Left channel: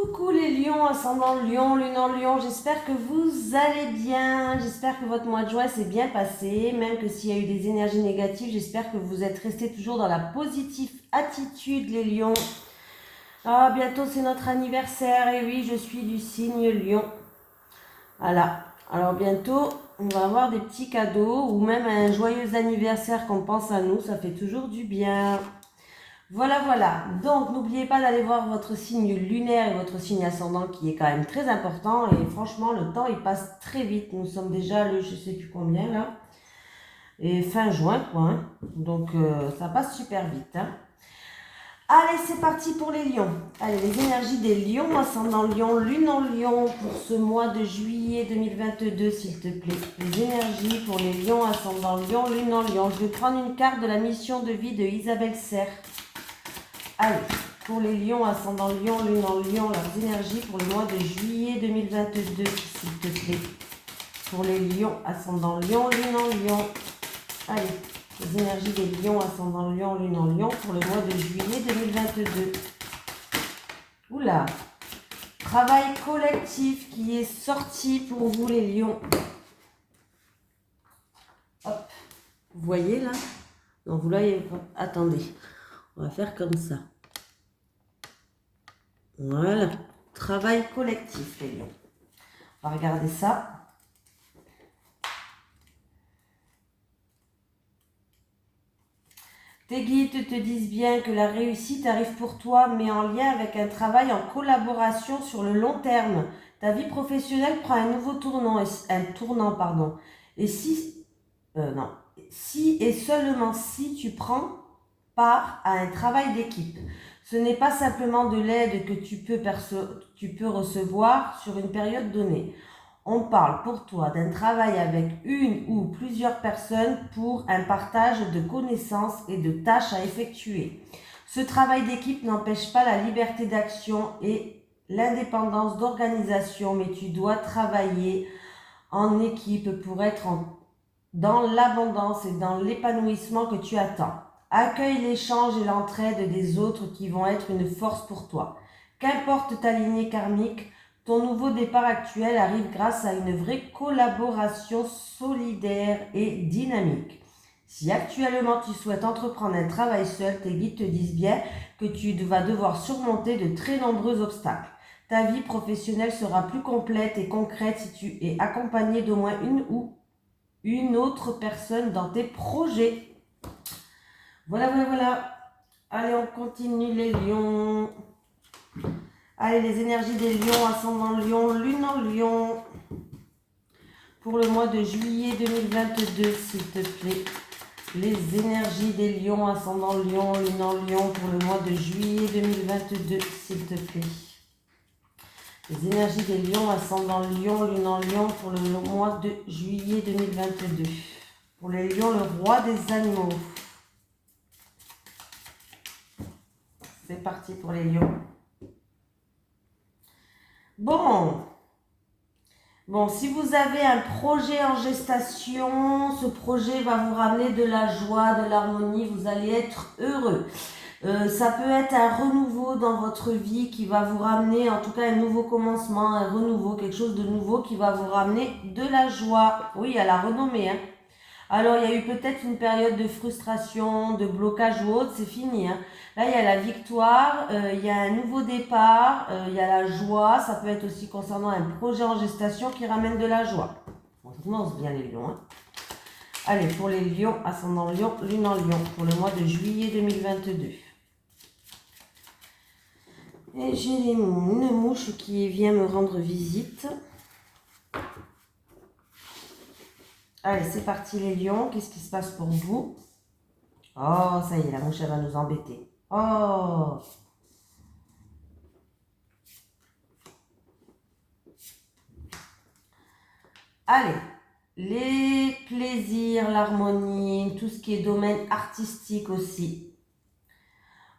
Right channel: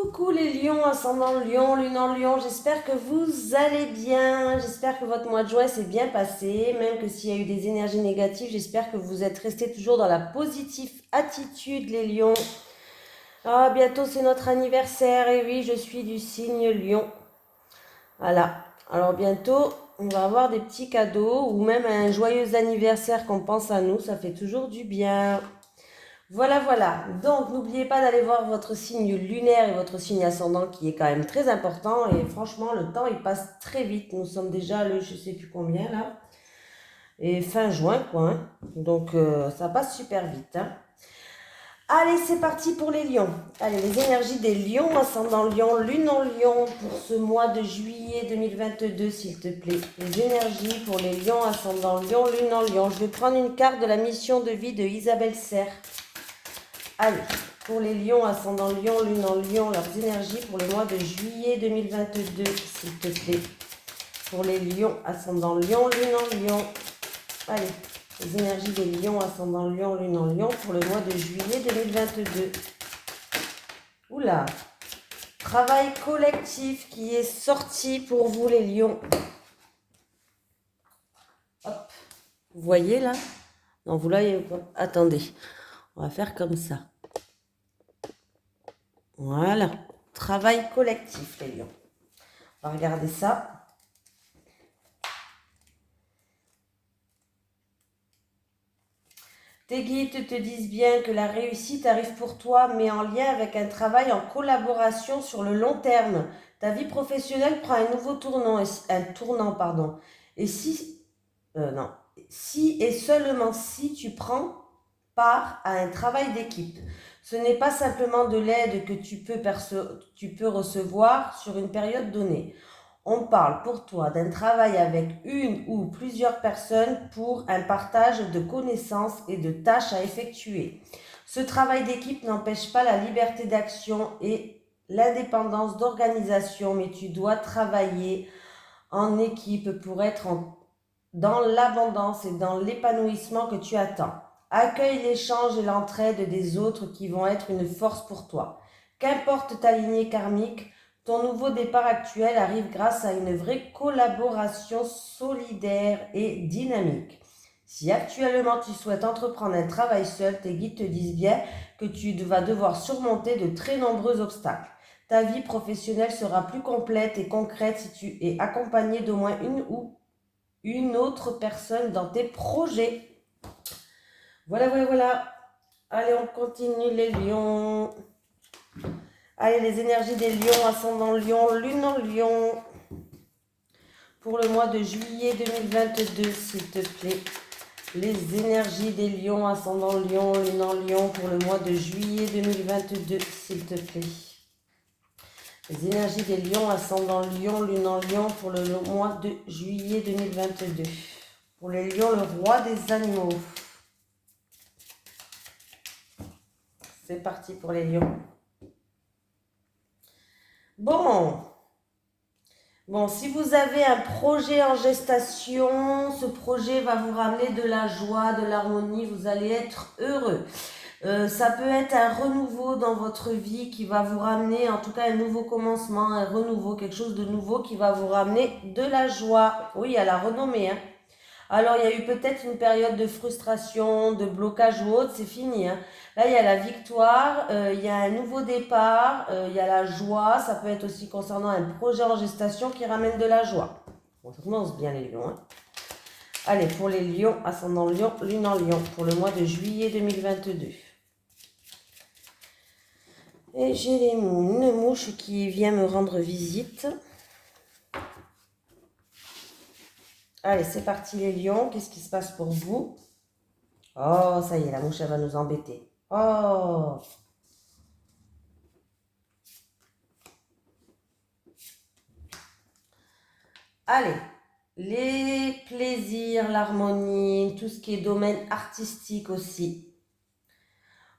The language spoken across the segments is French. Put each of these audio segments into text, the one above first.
Coucou les lions, ascendant lion, lune en lion, j'espère que vous allez bien, j'espère que votre mois de juin s'est bien passé, même que s'il y a eu des énergies négatives, j'espère que vous êtes restés toujours dans la positive attitude les lions. Ah, bientôt c'est notre anniversaire, et oui, je suis du signe lion. Voilà, alors bientôt on va avoir des petits cadeaux, ou même un joyeux anniversaire qu'on pense à nous, ça fait toujours du bien. Voilà, voilà. Donc, n'oubliez pas d'aller voir votre signe lunaire et votre signe ascendant qui est quand même très important. Et franchement, le temps, il passe très vite. Nous sommes déjà le je sais plus combien là. Et fin juin, quoi. Hein. Donc, ça passe super vite. Hein. Allez, c'est parti pour les lions. Allez, les énergies des lions, ascendant lion, lune en lion pour ce mois de juillet 2022, s'il te plaît. Les énergies pour les lions, ascendant lion, lune en lion. Je vais prendre une carte de la mission de vie de Isabelle Serre. Allez, pour les lions, ascendant lion, lune en lion, leurs énergies pour le mois de juillet 2022, s'il te plaît. Pour les lions, ascendant lion, lune en lion. Allez, les énergies des lions, ascendant lion, lune en lion pour le mois de juillet 2022. Oula, travail collectif qui est sorti pour vous les lions. Hop, vous voyez là? Non, vous là, attendez, on va faire comme ça. Voilà, travail collectif les lions. On va regarder ça. Tes guides te disent bien que la réussite arrive pour toi, mais en lien avec un travail en collaboration sur le long terme. Ta vie professionnelle prend un nouveau tournant, pardon. Et si et seulement si tu prends part à un travail d'équipe. Ce n'est pas simplement de l'aide que tu peux recevoir sur une période donnée. On parle pour toi d'un travail avec une ou plusieurs personnes pour un partage de connaissances et de tâches à effectuer. Ce travail d'équipe n'empêche pas la liberté d'action et l'indépendance d'organisation, mais tu dois travailler en équipe pour être dans l'abondance et dans l'épanouissement que tu attends. Accueille l'échange et l'entraide des autres qui vont être une force pour toi. Qu'importe ta lignée karmique, ton nouveau départ actuel arrive grâce à une vraie collaboration solidaire et dynamique. Si actuellement tu souhaites entreprendre un travail seul, tes guides te disent bien que tu vas devoir surmonter de très nombreux obstacles. Ta vie professionnelle sera plus complète et concrète si tu es accompagné d'au moins une autre personne dans tes projets. Voilà, voilà, voilà. Allez, on continue les lions. Allez, les énergies des lions, ascendant lion, lune en lion. Pour le mois de juillet 2022, s'il te plaît. Les énergies des lions, ascendant lion, lune en lion. Pour le mois de juillet 2022, s'il te plaît. Les énergies des lions, ascendant lion, lune en lion. Pour le mois de juillet 2022. Pour les lions, le roi des animaux. C'est parti pour les lions. Bon, si vous avez un projet en gestation, ce projet va vous ramener de la joie, de l'harmonie, vous allez être heureux. Ça peut être un renouveau dans votre vie qui va vous ramener, en tout cas un nouveau commencement, un renouveau, quelque chose de nouveau qui va vous ramener de la joie. Oui, à la renommée. Hein. Alors, il y a eu peut-être une période de frustration, de blocage ou autre, c'est fini. Hein. Là, il y a la victoire, il y a un nouveau départ, il y a la joie. Ça peut être aussi concernant un projet en gestation qui ramène de la joie. On commence bien les lions. Hein. Allez, pour les lions, ascendant lion, lune en lion, pour le mois de juillet 2022. Et j'ai une mouche qui vient me rendre visite. Allez, c'est parti les lions. Qu'est-ce qui se passe pour vous? Oh, ça y est, la mouche, elle va nous embêter. Oh! Allez, les plaisirs, l'harmonie, tout ce qui est domaine artistique aussi.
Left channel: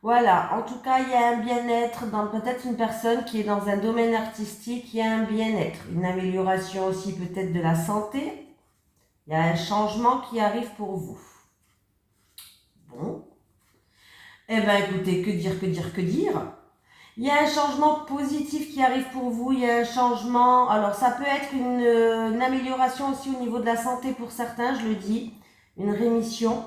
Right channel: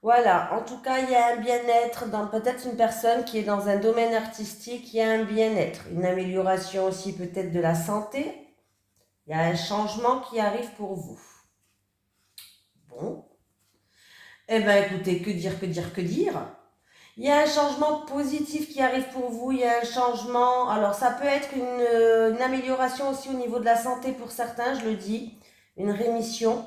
Voilà, en tout cas, il y a un bien-être dans peut-être une personne qui est dans un domaine artistique, il y a un bien-être, une amélioration aussi peut-être de la santé. Il y a un changement qui arrive pour vous. Bon. Eh bien, écoutez, que dire? Il y a un changement positif qui arrive pour vous, il y a un changement, alors ça peut être une amélioration aussi au niveau de la santé pour certains, je le dis, une rémission.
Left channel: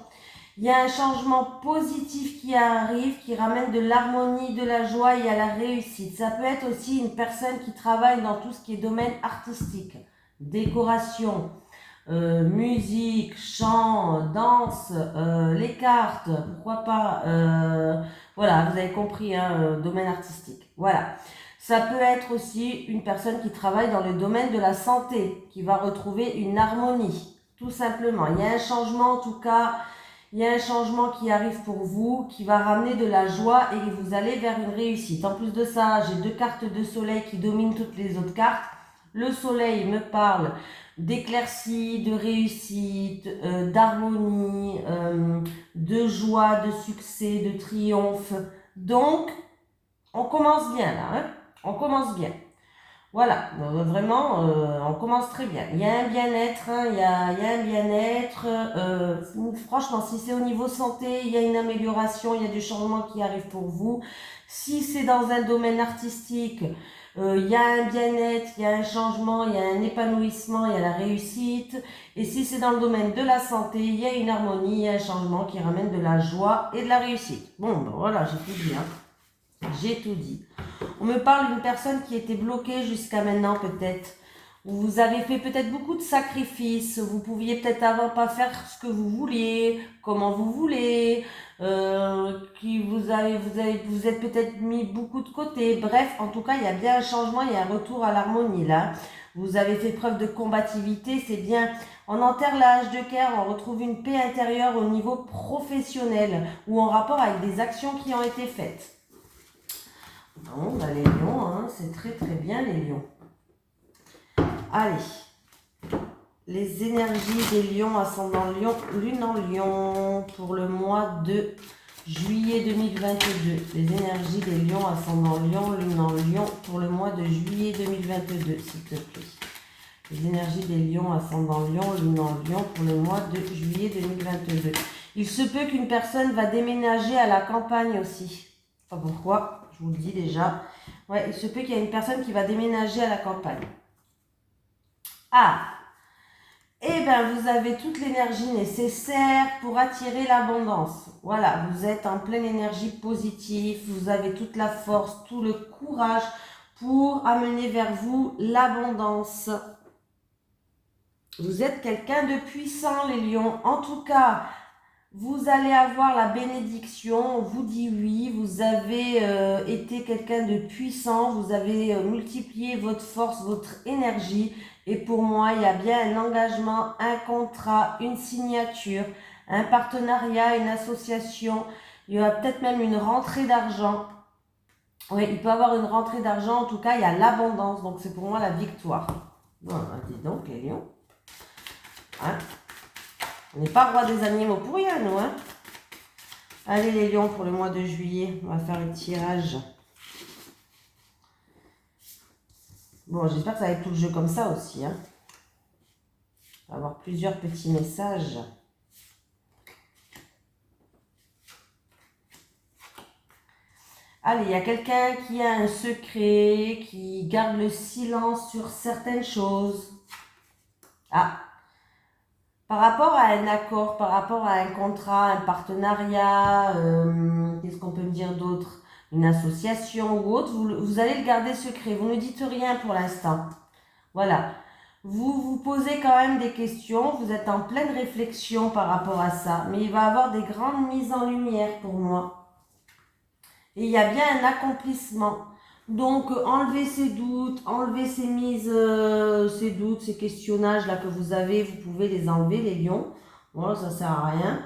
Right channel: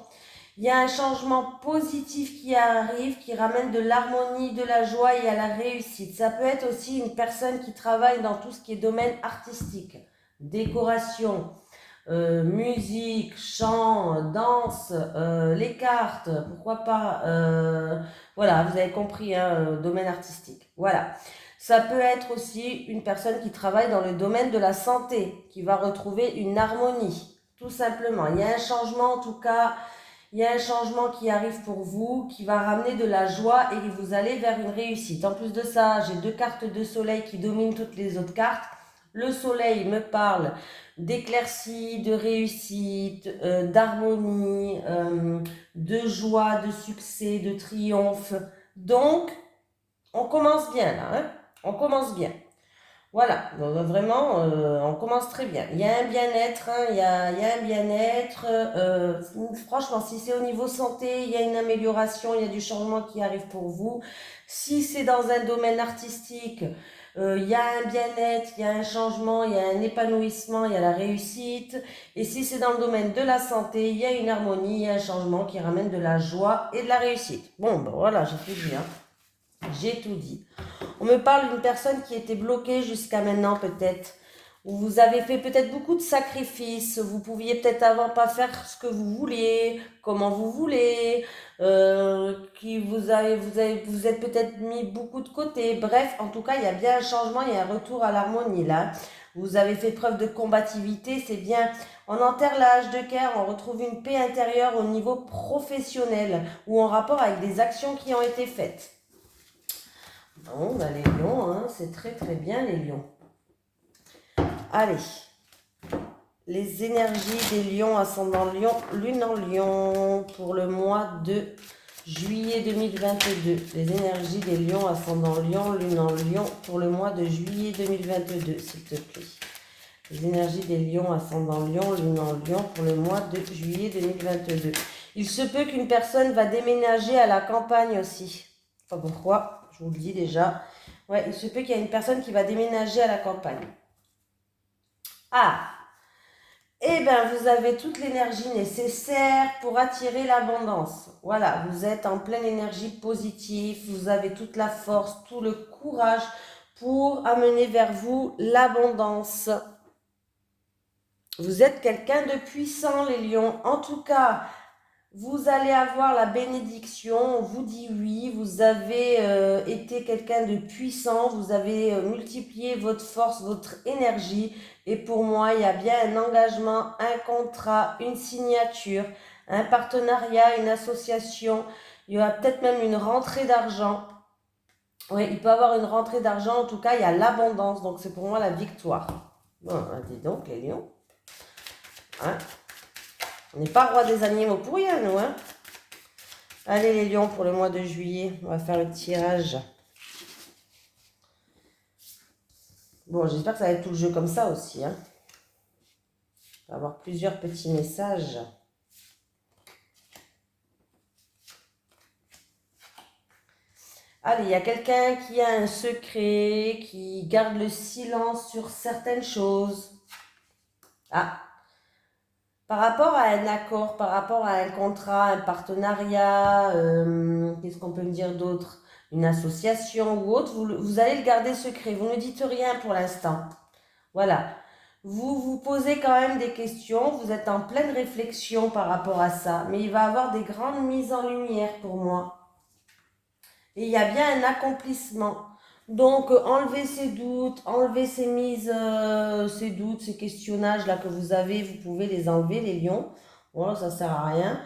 Il y a un changement positif qui arrive, qui ramène de l'harmonie, de la joie et à la réussite. Ça peut être aussi une personne qui travaille dans tout ce qui est domaine artistique, décoration, musique, chant, danse, les cartes, pourquoi pas. Voilà, vous avez compris, hein, domaine artistique. Voilà. Ça peut être aussi une personne qui travaille dans le domaine de la santé, qui va retrouver une harmonie, tout simplement. Il y a un changement, en tout cas, il y a un changement qui arrive pour vous, qui va ramener de la joie et vous allez vers une réussite. En plus de ça, j'ai 2 cartes de soleil qui dominent toutes les autres cartes. Le soleil me parle d'éclaircie, de réussite, d'harmonie, de joie, de succès, de triomphe. Donc, on commence bien là, hein? On commence bien. Voilà, vraiment, on commence très bien. Il y a un bien-être, hein, il y a un bien-être. Franchement, si c'est au niveau santé, il y a une amélioration, il y a du changement qui arrive pour vous. Si c'est dans un domaine artistique, il y a un bien-être, il y a un changement, il y a un épanouissement, il y a la réussite. Et si c'est dans le domaine de la santé, il y a une harmonie, il y a un changement qui ramène de la joie et de la réussite. Bon, ben voilà, j'ai tout dit, hein. J'ai tout dit. On me parle d'une personne qui était bloquée jusqu'à maintenant peut-être. Vous avez fait peut-être beaucoup de sacrifices. Vous pouviez peut-être avant pas faire ce que vous vouliez, comment vous voulez. Qui vous êtes peut-être mis beaucoup de côté. Bref, en tout cas, il y a bien un changement, il y a un retour à l'harmonie là. Vous avez fait preuve de combativité, c'est bien. On enterre l'âge de cœur, on retrouve une paix intérieure au niveau professionnel ou en rapport avec des actions qui ont été faites. Bon, bah les lions, hein, c'est très très bien les lions. Allez, les énergies des lions, ascendant lion, lune en lion, pour le mois de juillet 2022. Les énergies des lions, ascendant lion, lune en lion, pour le mois de juillet 2022, s'il te plaît. Les énergies des lions, ascendant lion, lune en lion, pour le mois de juillet 2022. Il se peut qu'une personne va déménager à la campagne aussi. Pas pourquoi. Je vous le dis déjà. Ouais, il se peut qu'il y ait une personne qui va déménager à la campagne. Ah, eh bien, vous avez toute l'énergie nécessaire pour attirer l'abondance. Voilà, vous êtes en pleine énergie positive, vous avez toute la force, tout le courage pour amener vers vous l'abondance. Vous êtes quelqu'un de puissant, les lions. En tout cas, vous allez avoir la bénédiction, on vous dit oui, vous avez été quelqu'un de puissant, vous avez multiplié votre force, votre énergie. Et pour moi, il y a bien un engagement, un contrat, une signature, un partenariat, une association. Il y aura peut-être même une rentrée d'argent. Oui, il peut y avoir une rentrée d'argent. En tout cas, il y a l'abondance. Donc, c'est pour moi la victoire. Bon, dis donc, les lions. Hein? On n'est pas roi des animaux pour rien, nous, hein? Allez, les lions, pour le mois de juillet, on va faire le tirage. Bon, j'espère que ça va être tout le jeu comme ça aussi, hein? On va avoir plusieurs petits messages. Allez, il y a quelqu'un qui a un secret, qui garde le silence sur certaines choses. Ah, par rapport à un accord, par rapport à un contrat, un partenariat, qu'est-ce qu'on peut me dire d'autre? Une association ou autre, vous allez le garder secret. Vous ne dites rien pour l'instant. Voilà. Vous vous posez quand même des questions, vous êtes en pleine réflexion par rapport à ça, mais il va y avoir des grandes mises en lumière pour moi. Et il y a bien un accomplissement. Donc, enlevez ces doutes, enlevez ces mises, ces doutes, ces questionnages là que vous avez, vous pouvez les enlever, les lions. Bon, ça sert à rien.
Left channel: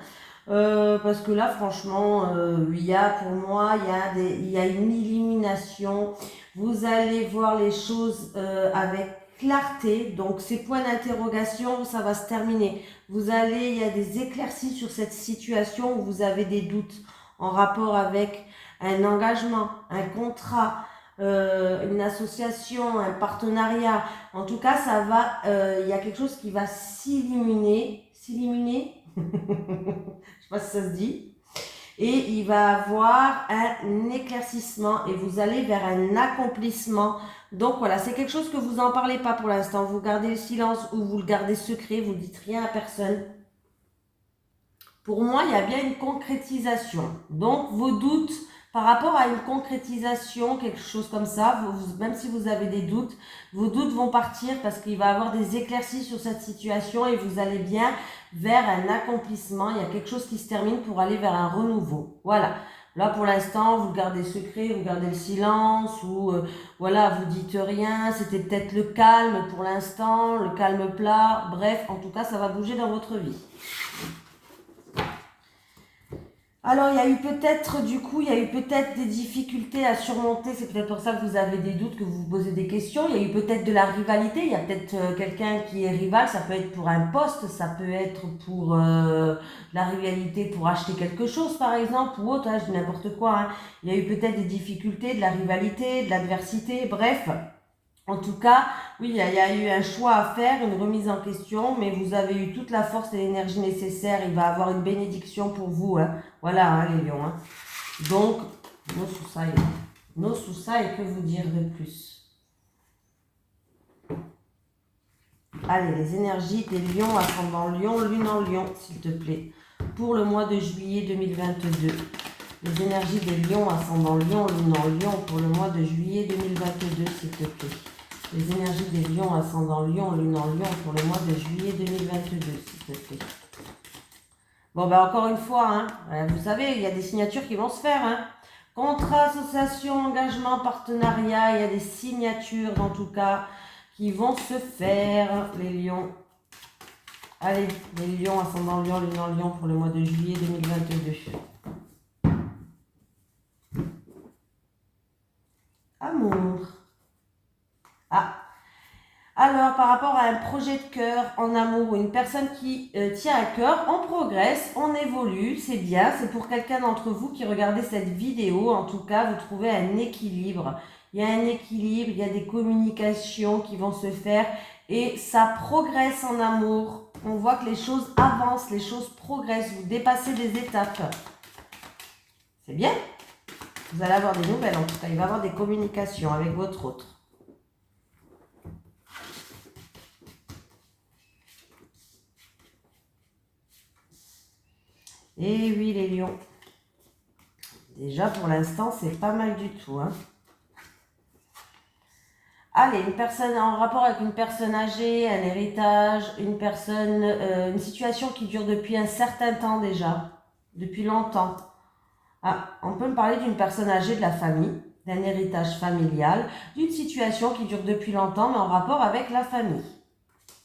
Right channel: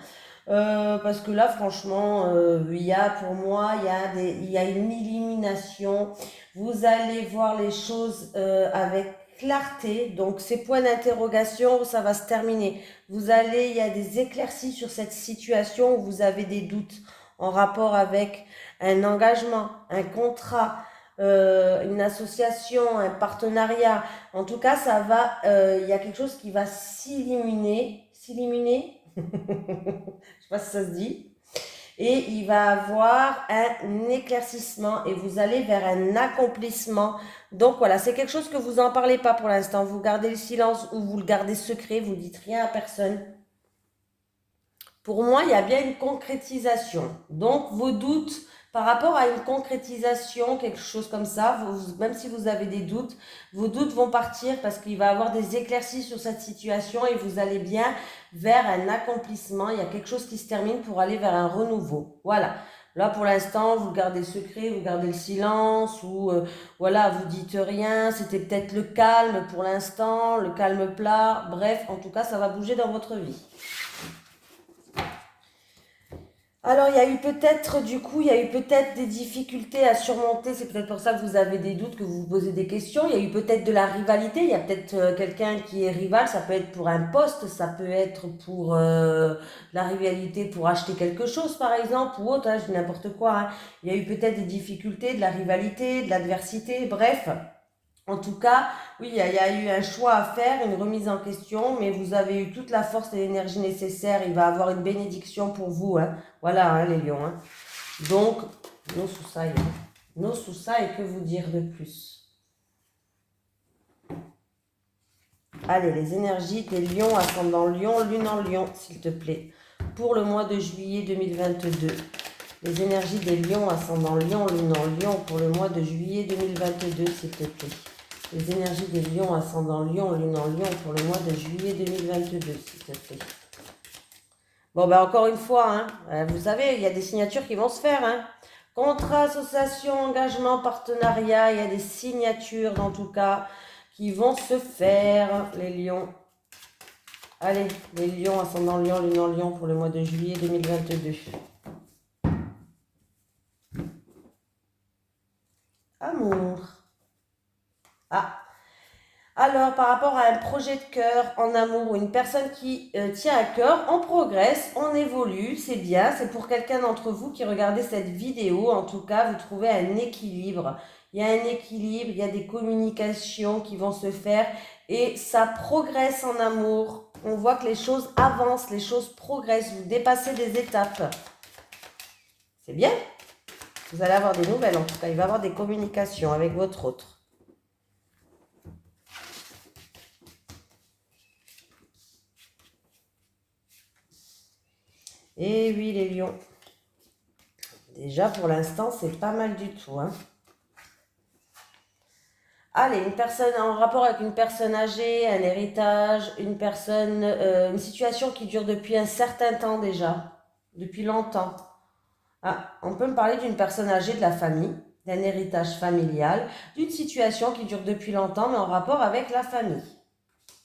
Parce que là, franchement, il y a pour moi, il y a une illumination. Vous allez voir les choses avec clarté. Donc, ces points d'interrogation, ça va se terminer. Il y a des éclaircies sur cette situation où vous avez des doutes en rapport avec un engagement, un contrat, une association, un partenariat. En tout cas, il y a quelque chose qui va s'illuminer. S'illuminer? Je sais pas si ça se dit. et il va avoir un éclaircissement et vous allez vers un accomplissement. Donc voilà, c'est quelque chose que vous n'en parlez pas pour l'instant. Vous gardez le silence ou vous le gardez secret, vous ne dites rien à personne. Pour moi, il y a bien une concrétisation. Donc vos doutes par rapport à une concrétisation, quelque chose comme ça, même si vous avez des doutes, vos doutes vont partir parce qu'il va y avoir des éclaircies sur cette situation et vous allez bien vers un accomplissement. Il y a quelque chose qui se termine pour aller vers un renouveau. Voilà. Là, pour l'instant, vous gardez secret, vous gardez le silence ou voilà, vous dites rien. C'était peut-être le calme pour l'instant, le calme plat. Bref, en tout cas, ça va bouger dans votre vie. Alors, il y a eu peut-être, du coup, il y a eu peut-être des difficultés à surmonter. C'est peut-être pour ça que vous avez des doutes, que vous vous posez des questions. Il y a eu peut-être de la rivalité. Il y a peut-être quelqu'un qui est rival. Ça peut être pour un poste, ça peut être pour la rivalité pour acheter quelque chose, par exemple, ou autre. Hein, je dis n'importe quoi. Hein. Il y a eu peut-être des difficultés, de la rivalité, de l'adversité. Bref. En tout cas, oui, il y a eu un choix à faire, une remise en question, mais vous avez eu toute la force et l'énergie nécessaire. Il va avoir une bénédiction pour vous. Hein. Voilà, hein, les lions. Hein. Donc, nos sous ça et que vous dire de plus? Allez, les énergies des lions, ascendant lion, lune en lion, s'il te plaît, pour le mois de juillet 2022. Les énergies des lions, ascendant lion, lune en lion, pour le mois de juillet 2022, s'il te plaît. Les énergies des lions, ascendant lion, lune en lion, pour le mois de juillet 2022, s'il te plaît. Bon, ben encore une fois, hein, vous savez, il y a des signatures qui vont se faire. Hein. Contrat, association, engagement, partenariat, il y a des signatures, en tout cas, qui vont se faire, les lions. Allez, les lions, ascendant lion, lune en lion, pour le mois de juillet 2022. Amour. Ah. Alors, par rapport à un projet de cœur en amour ou une personne qui tient à cœur, on progresse, on évolue, c'est bien. C'est pour quelqu'un d'entre vous qui regardez cette vidéo. En tout cas, vous trouvez un équilibre. Il y a un équilibre, il y a des communications qui vont se faire et ça progresse en amour. On voit que les choses avancent, les choses progressent, vous dépassez des étapes. C'est bien. Vous allez avoir des nouvelles, en tout cas, il va y avoir des communications avec votre autre. Et oui, les lions. Déjà, pour l'instant, c'est pas mal du tout. Hein. Allez, une personne en rapport avec une personne âgée, un héritage, une situation qui dure depuis un certain temps déjà, depuis longtemps. Ah, on peut me parler d'une personne âgée de la famille, d'un héritage familial, d'une situation qui dure depuis longtemps, mais en rapport avec la famille.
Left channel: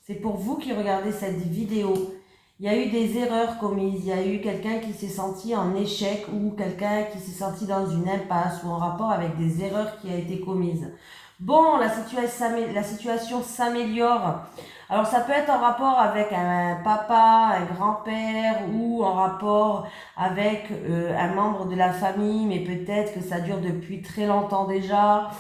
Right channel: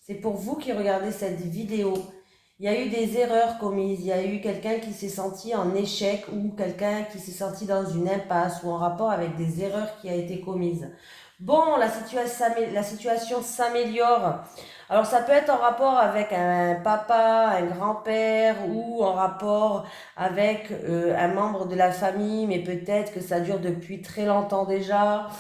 C'est pour vous qui regardez cette vidéo. Il y a eu des erreurs commises, il y a eu quelqu'un qui s'est senti en échec ou quelqu'un qui s'est senti dans une impasse ou en rapport avec des erreurs qui a été commises. Bon, la situation s'améliore. Alors ça peut être en rapport avec un papa, un grand-père ou en rapport avec un membre de la famille, mais peut-être que ça dure depuis très longtemps déjà.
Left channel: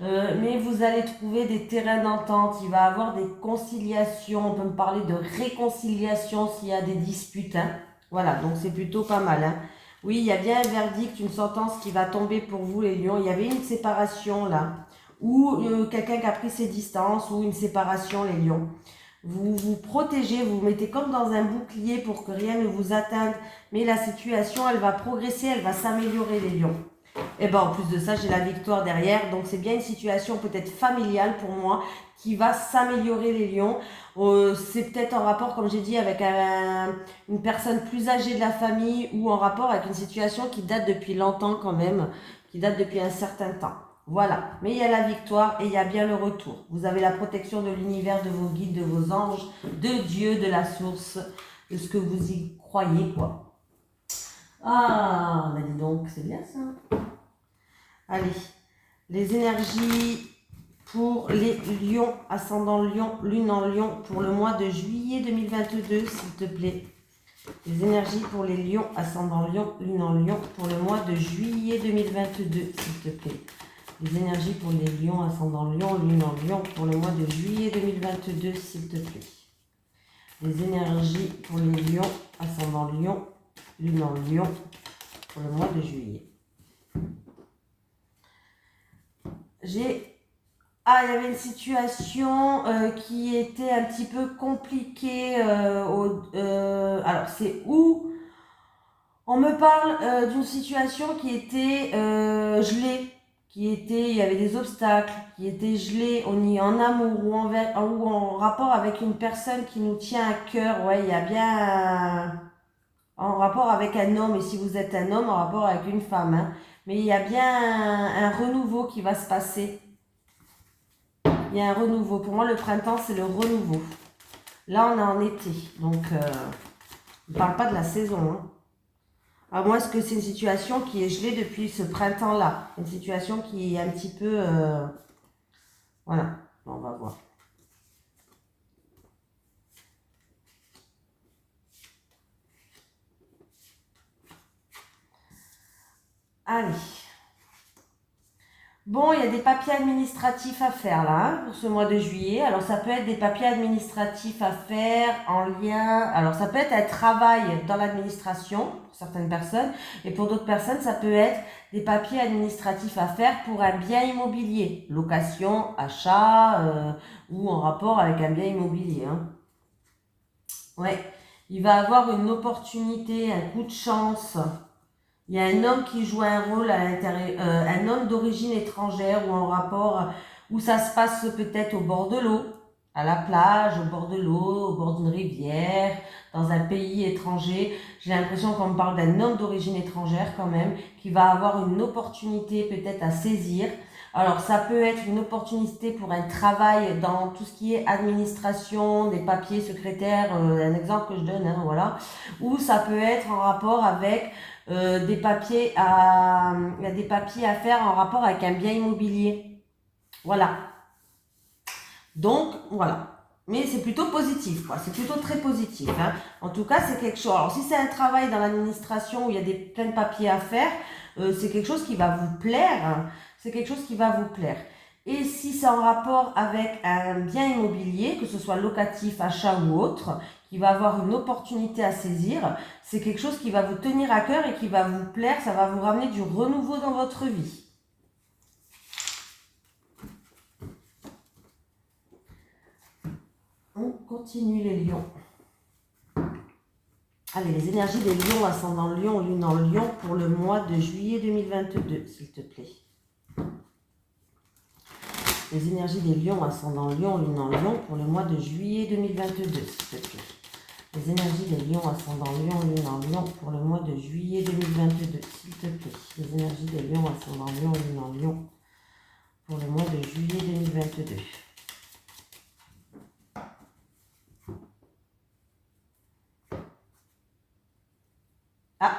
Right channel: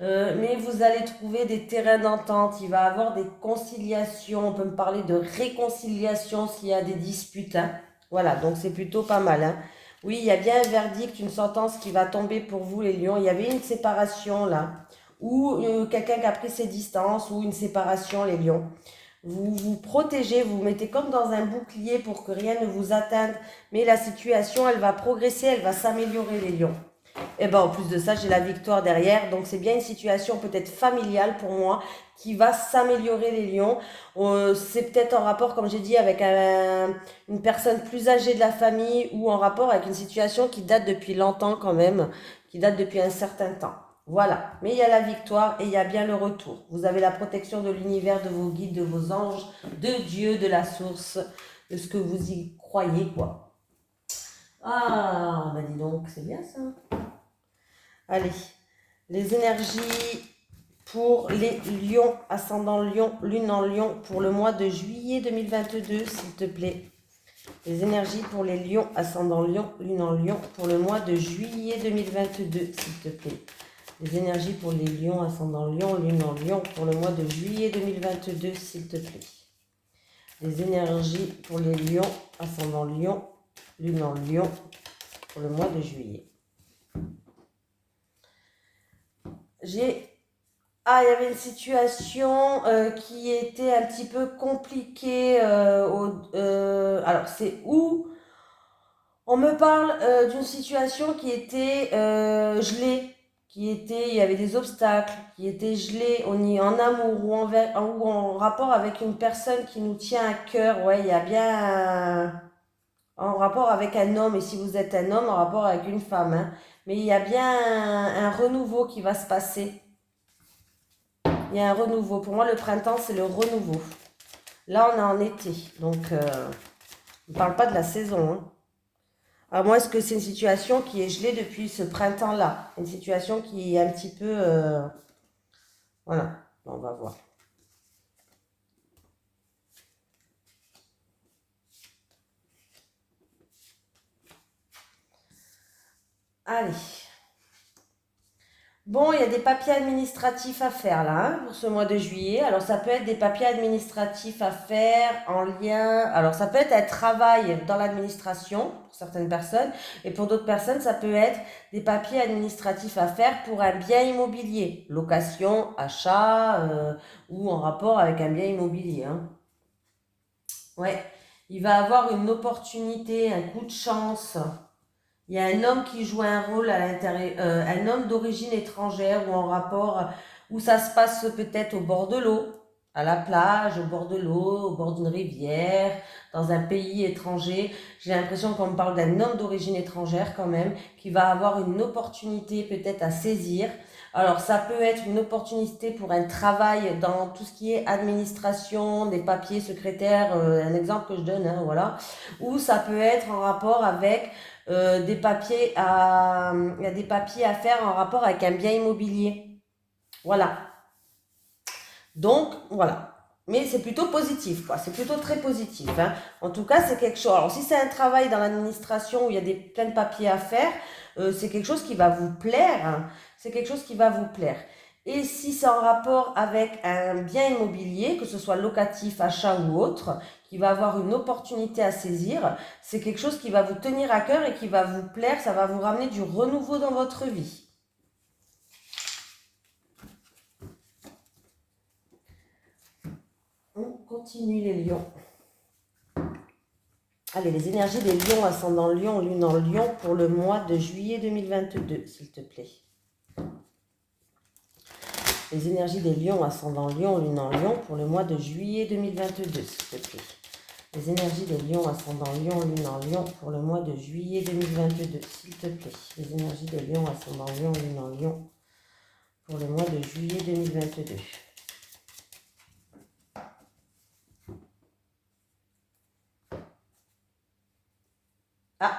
Mais vous allez trouver des terrains d'entente, il va y avoir des conciliations, on peut me parler de réconciliation s'il y a des disputes. Hein. Voilà, donc c'est plutôt pas mal. Hein. Oui, il y a bien un verdict, une sentence qui va tomber pour vous les lions. Il y avait une séparation là, ou quelqu'un qui a pris ses distances, ou une séparation les lions. Vous vous protégez, vous vous mettez comme dans un bouclier pour que rien ne vous atteigne. Mais la situation, elle va progresser, elle va s'améliorer les lions. Et bien en plus de ça, j'ai la victoire derrière. Donc c'est bien une situation peut-être familiale pour moi qui va s'améliorer les lions. C'est peut-être en rapport, comme j'ai dit, avec une personne plus âgée de la famille ou en rapport avec une situation qui date depuis longtemps quand même, qui date depuis un certain temps. Voilà, mais il y a la victoire et il y a bien le retour. Vous avez la protection de l'univers, de vos guides, de vos anges, de Dieu, de la source, de ce que vous y croyez, quoi. Ah, bah dis donc, c'est bien ça. Allez, les énergies pour les lions, ascendant lion, lune en lion, pour le mois de juillet 2022, s'il te plaît. Les énergies pour les lions, ascendant lion, lune en lion, pour le mois de juillet 2022, s'il te plaît. Les énergies pour les lions, ascendant lion, lune en lion, pour le mois de juillet 2022, s'il te plaît. Les énergies pour les lions, ascendant lion, lune en lion, pour le mois de juillet. il y avait une situation qui était un petit peu compliquée. Alors, c'est où on me parle d'une situation qui était gelée, il y avait des obstacles, qui étaient gelés, on y est en amour ou en rapport avec une personne qui nous tient à cœur. Ouais, il y a bien en rapport avec un homme, et si vous êtes un homme, en rapport avec une femme, hein. Mais il y a bien un renouveau qui va se passer. Il y a un renouveau. Pour moi, le printemps, c'est le renouveau. Là, on est en été, donc on ne parle pas de la saison, hein. Alors moi, est-ce que c'est une situation qui est gelée depuis ce printemps-là? Une situation qui est un petit peu... Voilà, on va voir. Allez. Bon, il y a des papiers administratifs à faire là, hein, pour ce mois de juillet. Alors ça peut être des papiers administratifs à faire en lien... Alors ça peut être un travail dans l'administration pour certaines personnes. Et pour d'autres personnes, ça peut être des papiers administratifs à faire pour un bien immobilier. Location, achat ou en rapport avec un bien immobilier, hein. Ouais, il va avoir une opportunité, un coup de chance. Il y a un homme qui joue un rôle à l'intérieur, un homme d'origine étrangère ou en rapport, où ça se passe peut-être au bord de l'eau, à la plage, au bord de l'eau, au bord d'une rivière, dans un pays étranger. J'ai l'impression qu'on me parle d'un homme d'origine étrangère quand même, qui va avoir une opportunité peut-être à saisir. Alors ça peut être une opportunité pour un travail dans tout ce qui est administration, des papiers, secrétaire, un exemple que je donne, hein, voilà. Ou ça peut être en rapport avec il y a des papiers à faire en rapport avec un bien immobilier. Voilà. Donc, voilà. Mais c'est plutôt positif, quoi. C'est plutôt très positif, hein. En tout cas, c'est quelque chose. Alors, si c'est un travail dans l'administration où il y a plein de papiers à faire, c'est quelque chose qui va vous plaire, hein. C'est quelque chose qui va vous plaire. Et si c'est en rapport avec un bien immobilier, que ce soit locatif, achat ou autre, qui va avoir une opportunité à saisir, c'est quelque chose qui va vous tenir à cœur et qui va vous plaire, ça va vous ramener du renouveau dans votre vie. On continue les lions. Allez, les énergies des lions, ascendant lion, lune en lion, pour le mois de juillet 2022, s'il te plaît. Les énergies des lions, ascendant lion, lune en lion, pour le mois de juillet 2022, s'il te plaît. Les énergies des lions, ascendant lion, lune en lion, pour le mois de juillet 2022, s'il te plaît. Les énergies des lions, ascendant lion, lune en lion, pour le mois de juillet 2022. Ah.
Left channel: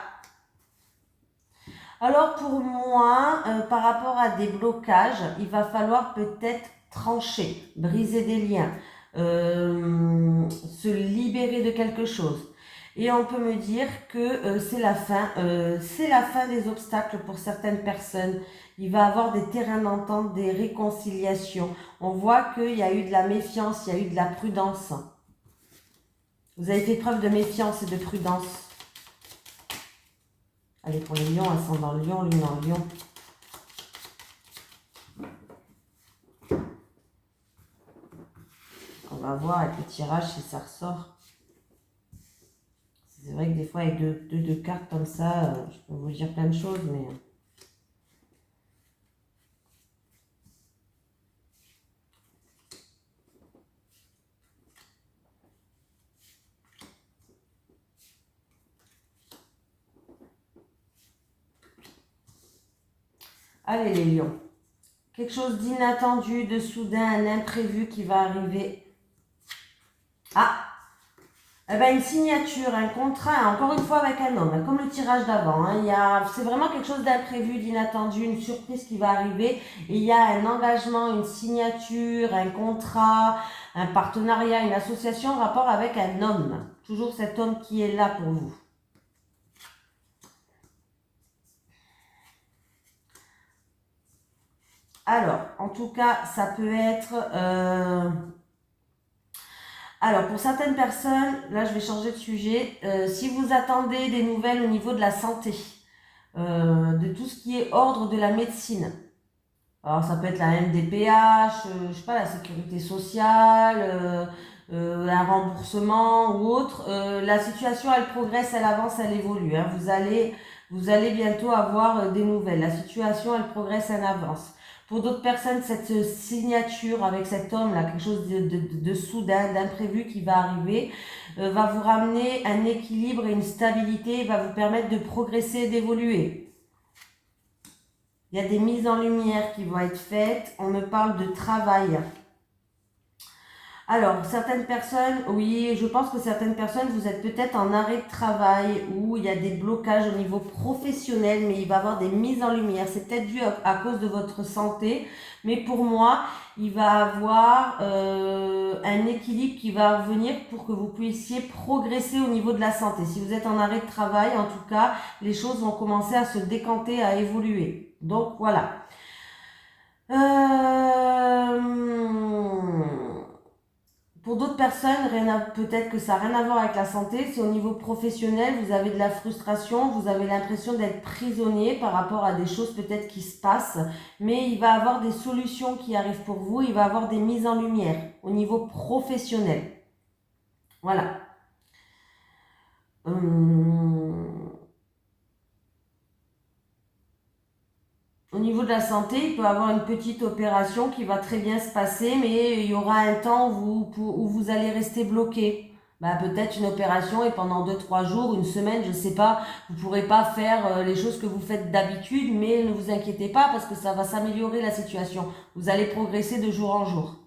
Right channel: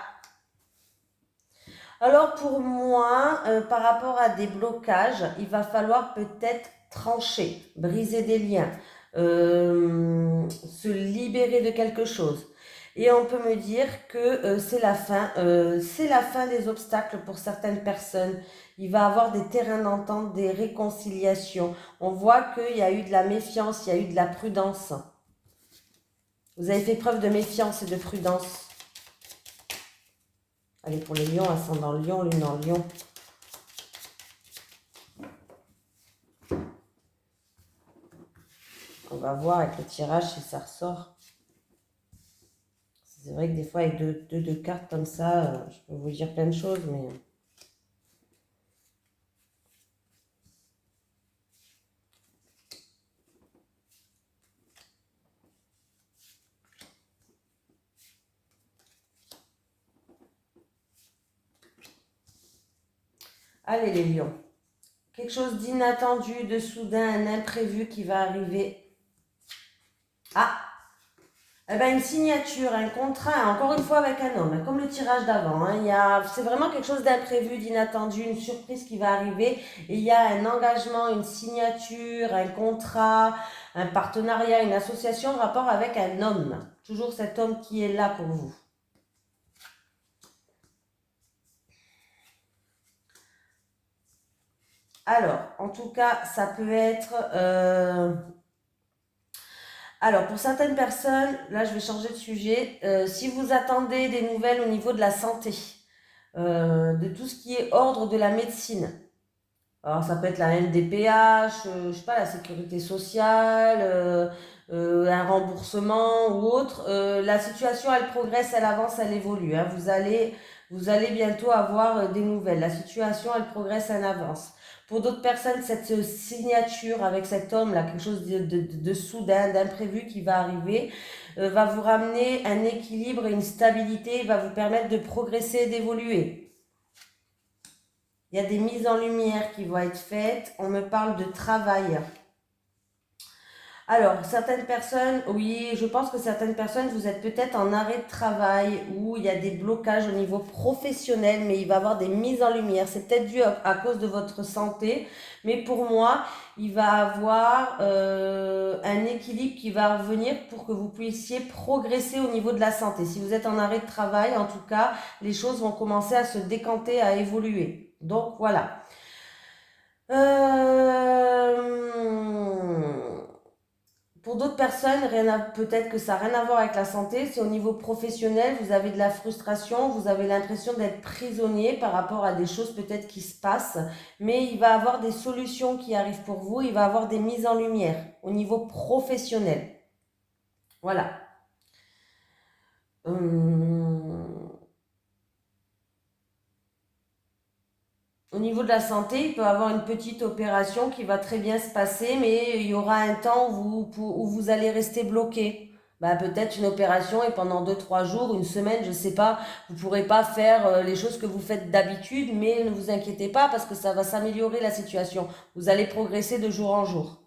Alors pour moi, par rapport à des blocages, il va falloir peut-être trancher, briser des liens, se libérer de quelque chose. Et on peut me dire que c'est la fin des obstacles pour certaines personnes. Il va y avoir des terrains d'entente, des réconciliations. On voit qu'il y a eu de la méfiance, il y a eu de la prudence. Vous avez fait preuve de méfiance et de prudence. Allez, pour les lions, ascendant lion, lune en lion. On va voir avec le tirage si ça ressort. C'est vrai que des fois, avec deux cartes comme ça, je peux vous dire plein de choses, mais... Allez, les lions. Quelque chose d'inattendu, de soudain, un imprévu qui va arriver. Ah! Eh ben, une signature, un contrat, encore une fois avec un homme, comme le tirage d'avant, hein. C'est vraiment quelque chose d'imprévu, d'inattendu, une surprise qui va arriver. Et il y a un engagement, une signature, un contrat, un partenariat, une association en rapport avec un homme. Toujours cet homme qui est là pour vous. Alors, en tout cas, ça peut être... Alors, pour certaines personnes, là je vais changer de sujet, si vous attendez des nouvelles au niveau de la santé, de tout ce qui est ordre de la médecine. Alors ça peut être la MDPH, je sais pas, la sécurité sociale, un remboursement ou autre. La situation, elle progresse, elle avance, elle évolue, hein. Vous allez bientôt avoir des nouvelles. La situation, elle progresse, elle avance. Pour d'autres personnes, cette signature avec cet homme-là, quelque chose de soudain, d'imprévu qui va arriver, va vous ramener un équilibre et une stabilité, va vous permettre de progresser et d'évoluer. Il y a des mises en lumière qui vont être faites. On me parle de travail. Alors, certaines personnes, oui, je pense que certaines personnes, vous êtes peut-être en arrêt de travail ou il y a des blocages au niveau professionnel, mais il va y avoir des mises en lumière. C'est peut-être dû à cause de votre santé, mais pour moi, il va avoir un équilibre qui va revenir pour que vous puissiez progresser au niveau de la santé. Si vous êtes en arrêt de travail, en tout cas, les choses vont commencer à se décanter, à évoluer. Donc, voilà. Pour d'autres personnes, peut-être que ça n'a rien à voir avec la santé, c'est au niveau professionnel, vous avez de la frustration, vous avez l'impression d'être prisonnier par rapport à des choses peut-être qui se passent, mais il va y avoir des solutions qui arrivent pour vous, il va y avoir des mises en lumière au niveau professionnel. Voilà. Au niveau de la santé, il peut y avoir une petite opération qui va très bien se passer, mais il y aura un temps où vous allez rester bloqué. Bah, peut-être une opération et pendant 2, 3 jours, une semaine, je ne sais pas, vous ne pourrez pas faire les choses que vous faites d'habitude, mais ne vous inquiétez pas parce que ça va s'améliorer la situation. Vous allez progresser de jour en jour.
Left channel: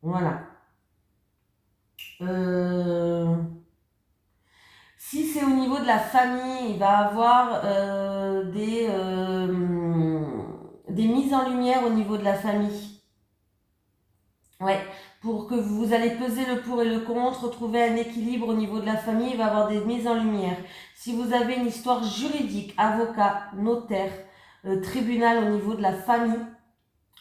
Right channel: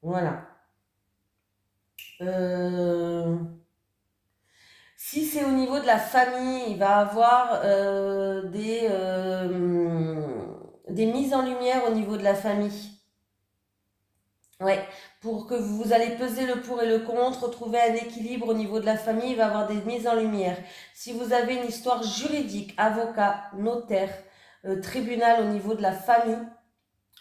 Voilà. Euh, Si c'est au niveau de la famille, il va avoir des mises en lumière au niveau de la famille. Ouais, pour que vous allez peser le pour et le contre, trouver un équilibre au niveau de la famille, il va y avoir des mises en lumière. Si vous avez une histoire juridique, avocat, notaire, tribunal au niveau de la famille,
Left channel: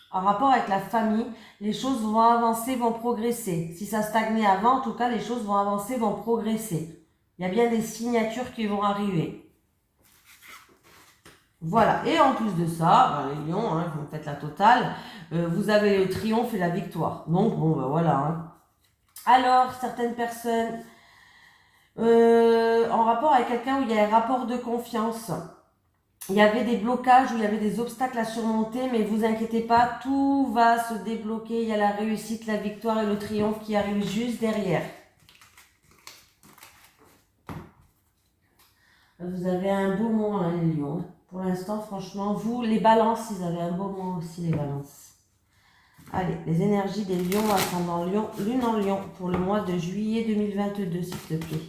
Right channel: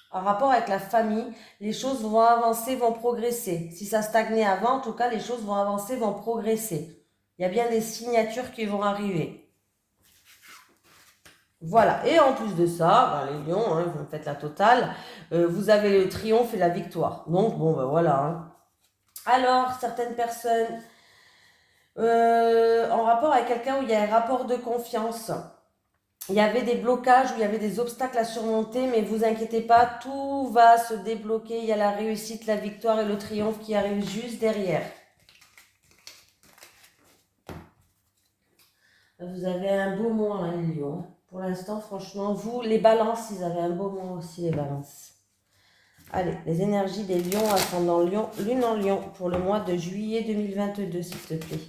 en rapport avec la famille, les choses vont avancer, vont progresser. Si ça stagnait avant, en tout cas, les choses vont avancer, vont progresser. Il y a bien des signatures qui vont arriver. Voilà. Et en plus de ça, ben, les lions, hein, vous faites la totale, vous avez le triomphe et la victoire. Donc, bon, ben voilà. Hein. Alors, certaines personnes, en rapport avec quelqu'un où il y a un rapport de confiance, il y avait des blocages, où il y avait des obstacles à surmonter, mais vous inquiétez pas, tout va se débloquer. Il y a la réussite, la victoire et le triomphe qui arrivent juste derrière. Vous avez un beau mois, hein, les lions. Pour l'instant, franchement, vous, les balances, ils avaient un beau mois aussi, les balances. Allez, les énergies des lions, ascendant lion, lune en lion, pour le mois de juillet 2022, s'il te plaît.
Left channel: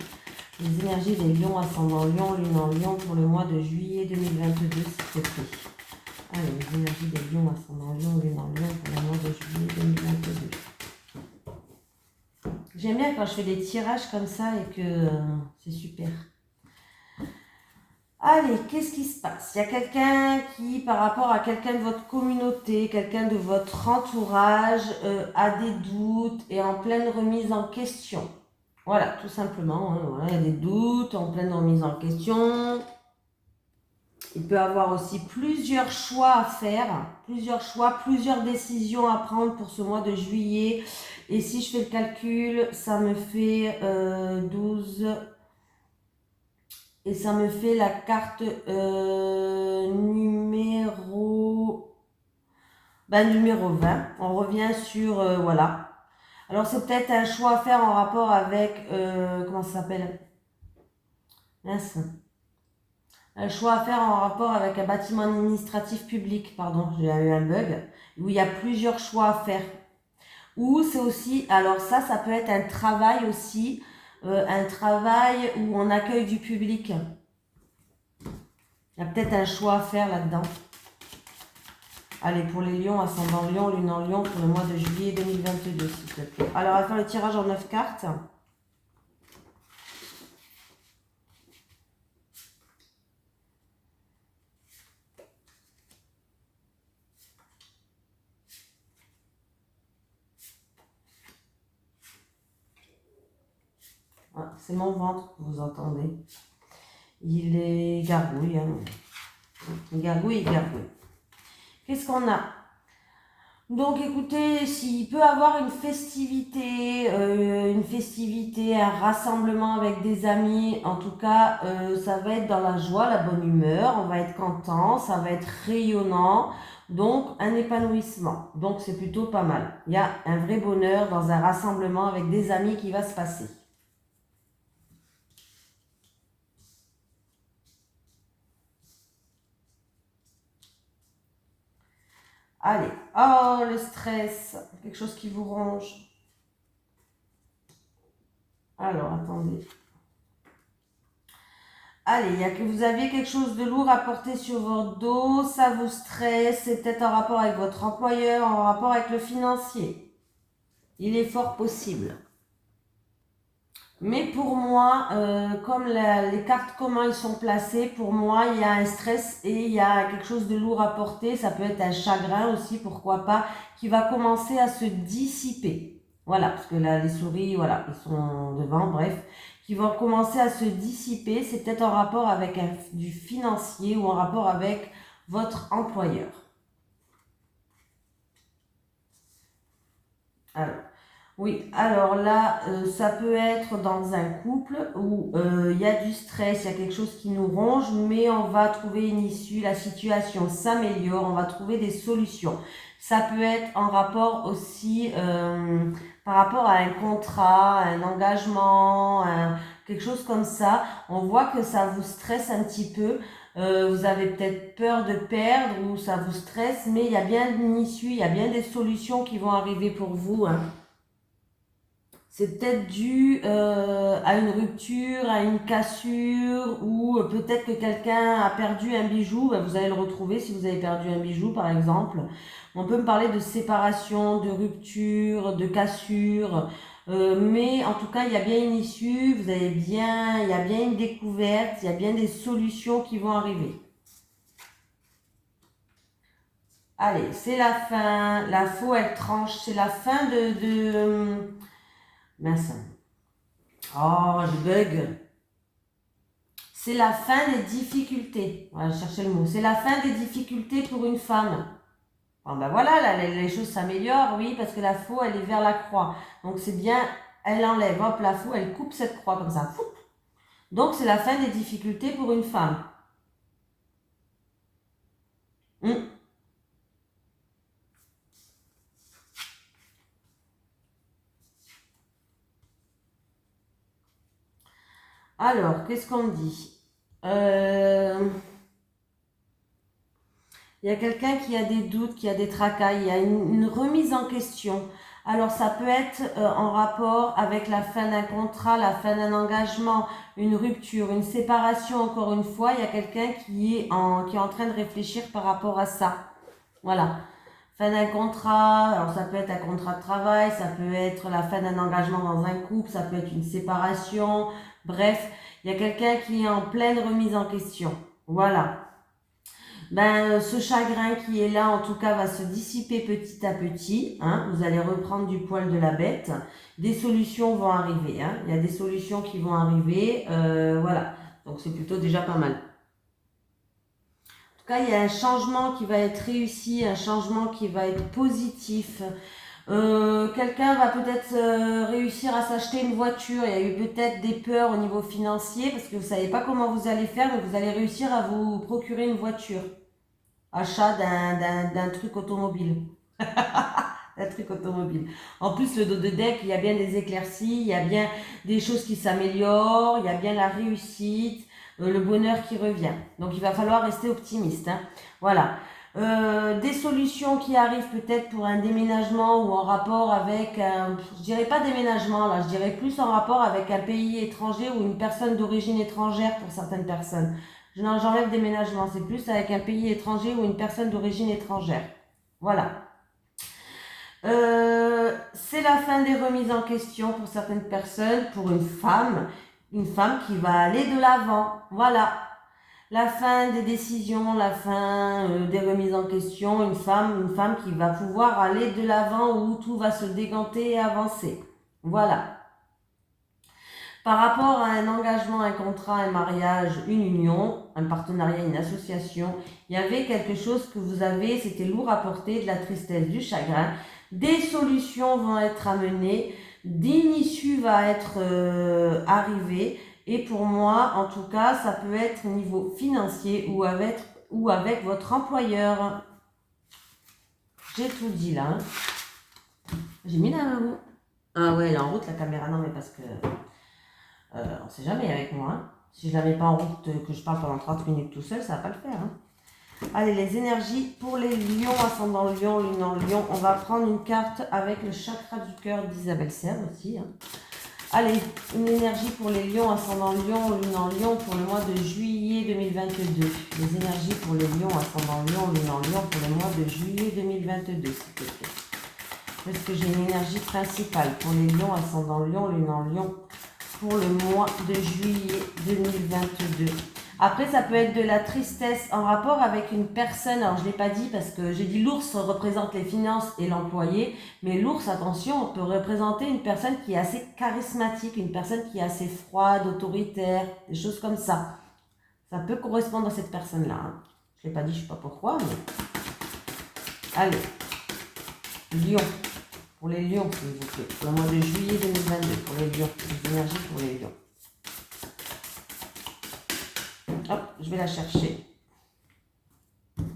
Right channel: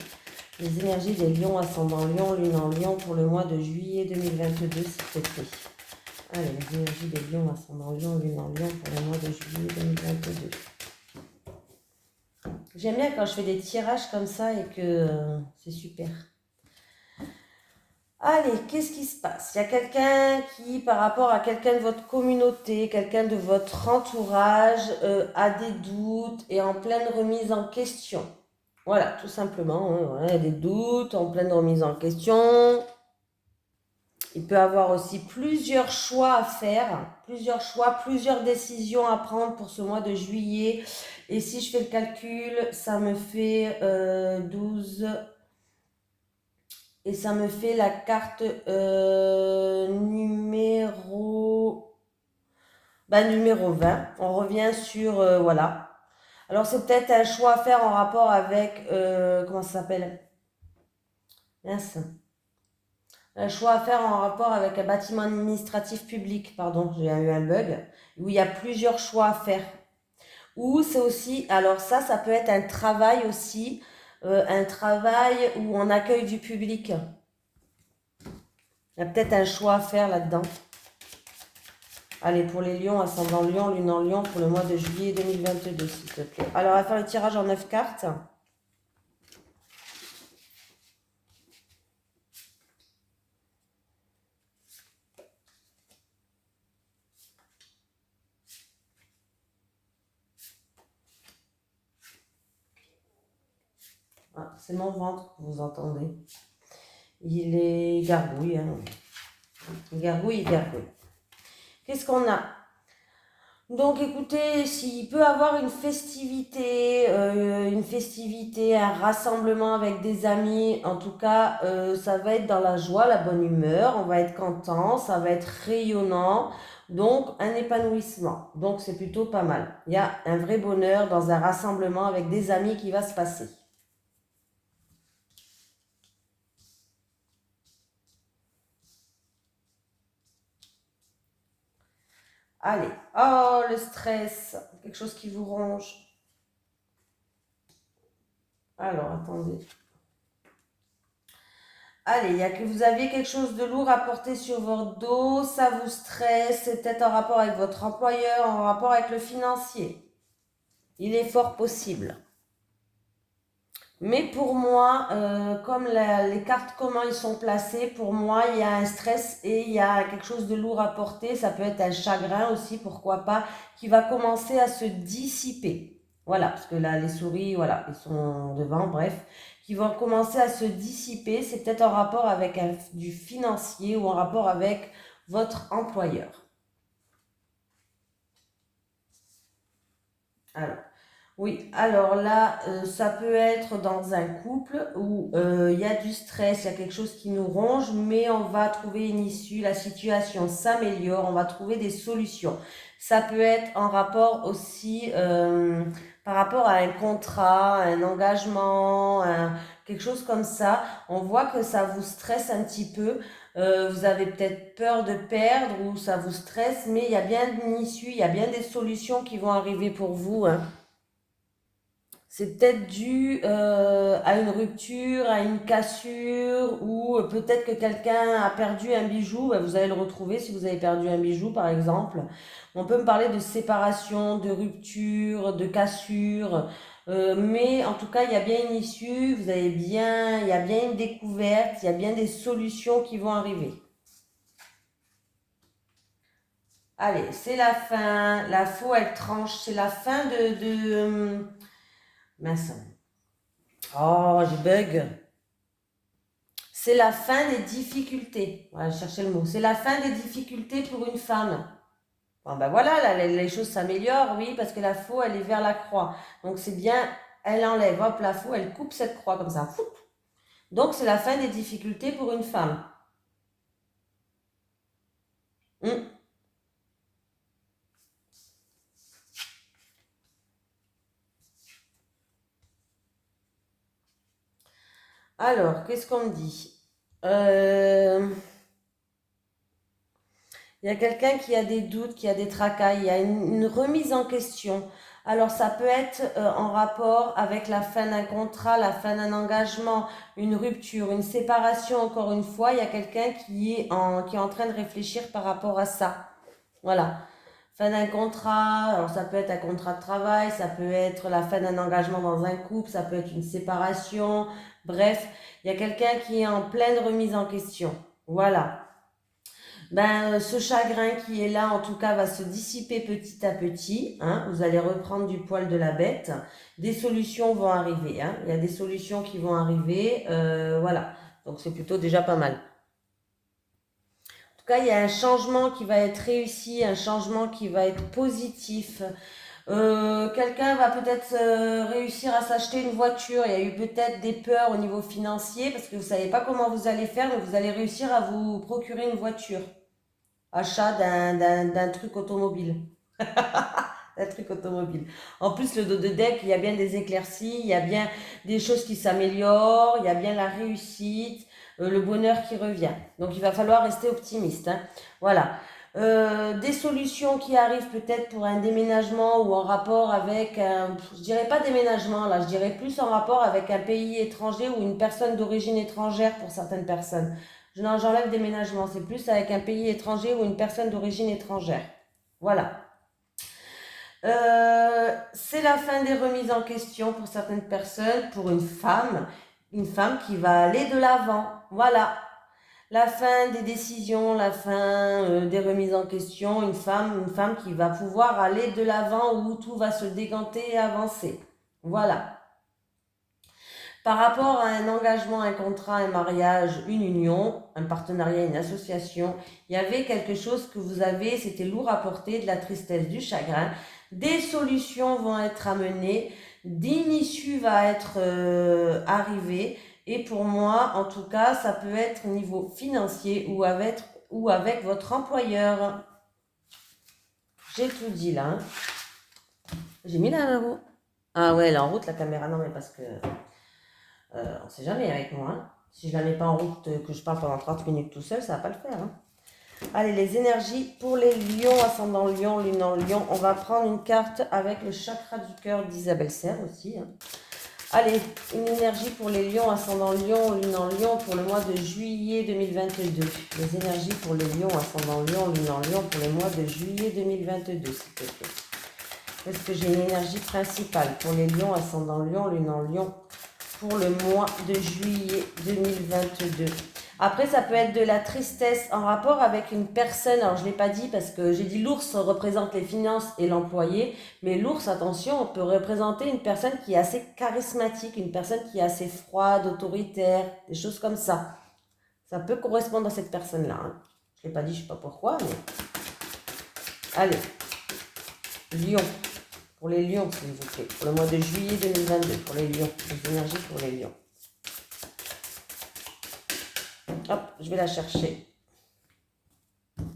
Les énergies des lions, ascendant lion, lune en lion, pour le mois de juillet 2022, s'il te plaît. Allez, les énergies des lions, ascendant lion, lune en lion, pour le mois de juillet 2022. J'aime bien quand je fais des tirages comme ça et que c'est super. Allez, qu'est-ce qui se passe? Il y a quelqu'un qui, par rapport à quelqu'un de votre communauté, quelqu'un de votre entourage, a des doutes et est en pleine remise en question. Voilà, tout simplement. Hein, voilà, il y a des doutes, en pleine remise en question. Il peut avoir aussi plusieurs choix à faire, plusieurs choix, plusieurs décisions à prendre pour ce mois de juillet. Et si je fais le calcul, ça me fait 12... Et ça me fait la carte numéro 20. On revient sur... voilà. Alors c'est peut-être un choix à faire en rapport avec... comment ça s'appelle? Mince. Un choix à faire en rapport avec un bâtiment administratif public. Pardon, j'ai eu un bug. Où il y a plusieurs choix à faire. Ou c'est aussi... Alors ça peut être un travail aussi. Un travail où on accueille du public. Il y a peut-être un choix à faire là-dedans. Allez, pour les lions, ascendant lion, lune en lion, pour le mois de juillet 2022, s'il te plaît. Alors, on va faire le tirage en 9 cartes. Ah, c'est mon ventre que vous entendez. Il est gargouille, hein. Gargouille, gargouille. Qu'est-ce qu'on a? Donc écoutez, s'il peut avoir une festivité, un rassemblement avec des amis, en tout cas, ça va être dans la joie, la bonne humeur, on va être content, ça va être rayonnant, donc un épanouissement. Donc c'est plutôt pas mal. Il y a un vrai bonheur dans un rassemblement avec des amis qui va se passer. Allez, oh le stress, quelque chose qui vous ronge. Alors attendez. Allez, il y a que vous aviez quelque chose de lourd à porter sur votre dos, ça vous stresse, c'est peut-être en rapport avec votre employeur, en rapport avec le financier. Il est fort possible. Mais pour moi, comme les cartes, comment ils sont placées, pour moi, il y a un stress et il y a quelque chose de lourd à porter. Ça peut être un chagrin aussi, pourquoi pas, qui va commencer à se dissiper. Voilà, parce que là, les souris, voilà, ils sont devant, bref, qui vont commencer à se dissiper. C'est peut-être en rapport avec du financier ou en rapport avec votre employeur. Alors. Oui, alors là, ça peut être dans un couple où il y a du stress, il y a quelque chose qui nous ronge, mais on va trouver une issue, la situation s'améliore, on va trouver des solutions. Ça peut être en rapport aussi par rapport à un contrat, un engagement, quelque chose comme ça. On voit que ça vous stresse un petit peu. Vous avez peut-être peur de perdre ou ça vous stresse, mais il y a bien une issue, il y a bien des solutions qui vont arriver pour vous, hein. C'est peut-être dû à une rupture, à une cassure, ou peut-être que quelqu'un a perdu un bijou. Ben, vous allez le retrouver si vous avez perdu un bijou, par exemple. On peut me parler de séparation, de rupture, de cassure. Mais en tout cas, il y a bien une issue, il y a bien une découverte, il y a bien des solutions qui vont arriver. Allez, c'est la fin. La faux, elle tranche. C'est la fin mince. Oh, je bug. C'est la fin des difficultés. Voilà, je cherchais le mot. C'est la fin des difficultés pour une femme. Bon, ben voilà, là, les choses s'améliorent, oui, parce que la faux, elle est vers la croix. Donc c'est bien, elle enlève, hop, la faux, elle coupe cette croix comme ça. Foup. Donc c'est la fin des difficultés pour une femme. Hum. Alors, qu'est-ce qu'on dit? Euh, Il y a quelqu'un qui a des doutes, qui a des tracas, il y a une remise en question. Alors ça peut être en rapport avec la fin d'un contrat, la fin d'un engagement, une rupture, une séparation, encore une fois. Il y a quelqu'un qui est en train de réfléchir par rapport à ça. Voilà. Fin d'un contrat, alors ça peut être un contrat de travail, ça peut être la fin d'un engagement dans un couple, ça peut être une séparation. Bref, il y a quelqu'un qui est en pleine remise en question. Voilà. Ben, ce chagrin qui est là, en tout cas, va se dissiper petit à petit, hein. Vous allez reprendre du poil de la bête. Des solutions vont arriver, hein. Il y a des solutions qui vont arriver. Voilà. Donc, c'est plutôt déjà pas mal. En tout cas, il y a un changement qui va être réussi, un changement qui va être positif. Quelqu'un va peut-être réussir à s'acheter une voiture. Il y a eu peut-être des peurs au niveau financier parce que vous ne savez pas comment vous allez faire, mais vous allez réussir à vous procurer une voiture. Achat d'un truc automobile. Un truc automobile. En plus, le dos de deck, il y a bien des éclaircies, il y a bien des choses qui s'améliorent, il y a bien la réussite, le bonheur qui revient. Donc, il va falloir rester optimiste, hein. Voilà. Des solutions qui arrivent peut-être pour un déménagement ou en rapport avec je dirais pas déménagement là, je dirais plus en rapport avec un pays étranger ou une personne d'origine étrangère pour certaines personnes. J'enlève déménagement, c'est plus avec un pays étranger ou une personne d'origine étrangère. Voilà. C'est la fin des remises en question pour certaines personnes, pour une femme qui va aller de l'avant. Voilà. La fin des décisions, la fin des remises en question, une femme qui va pouvoir aller de l'avant où tout va se décanter et avancer. Voilà. Par rapport à un engagement, un contrat, un mariage, une union, un partenariat, une association, il y avait quelque chose que vous avez, c'était lourd à porter, de la tristesse, du chagrin. Des solutions vont être amenées, d'une issue va être arrivée. Et pour moi, en tout cas, ça peut être au niveau financier ou avec votre employeur. J'ai tout dit là. Hein. J'ai mis la maman. Ah ouais, elle est en route la caméra, non mais parce que on ne sait jamais avec moi. Hein. Si je ne la mets pas en route, que je parle pendant 30 minutes tout seul, ça ne va pas le faire. Hein. Allez, les énergies pour les lions, ascendant lion, lune en lion. On va prendre une carte avec le chakra du cœur d'Isabelle Serre aussi. Hein. Allez, une énergie pour les lions, ascendant lion, lune en lion pour le mois de juillet 2022. Les énergies pour les lions, ascendant lion, lune en lion pour le mois de juillet 2022, s'il te plaît. Est-ce que j'ai une énergie principale pour les lions, ascendant lion, lune en lion pour le mois de juillet 2022. Après, ça peut être de la tristesse en rapport avec une personne. Alors, je ne l'ai pas dit parce que j'ai dit l'ours représente les finances et l'employé. Mais l'ours, attention, on peut représenter une personne qui est assez charismatique, une personne qui est assez froide, autoritaire, des choses comme ça. Ça peut correspondre à cette personne-là. Hein. Je ne l'ai pas dit, je ne sais pas pourquoi. Mais... Allez, lion. Pour les lions, s'il vous plaît. Pour le mois de juillet 2022, pour les lions. Les énergies pour les lions. Hop, je vais la chercher.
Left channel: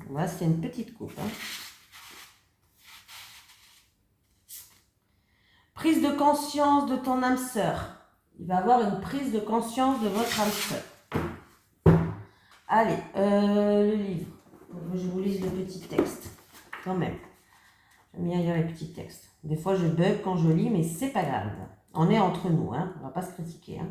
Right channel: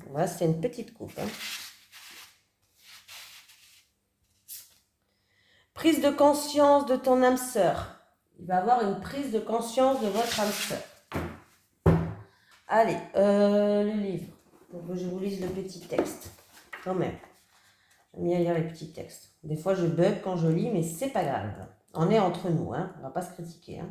Voilà, c'est une petite coupe. Hein. Prise de conscience de ton âme sœur. Il va y avoir une prise de conscience de votre âme sœur. Allez, le livre. Pour que je vous lise le petit texte. Quand même. J'aime bien lire les petits textes. Des fois, je bug quand je lis, mais c'est pas grave. On est entre nous, hein. On va pas se critiquer. Hein.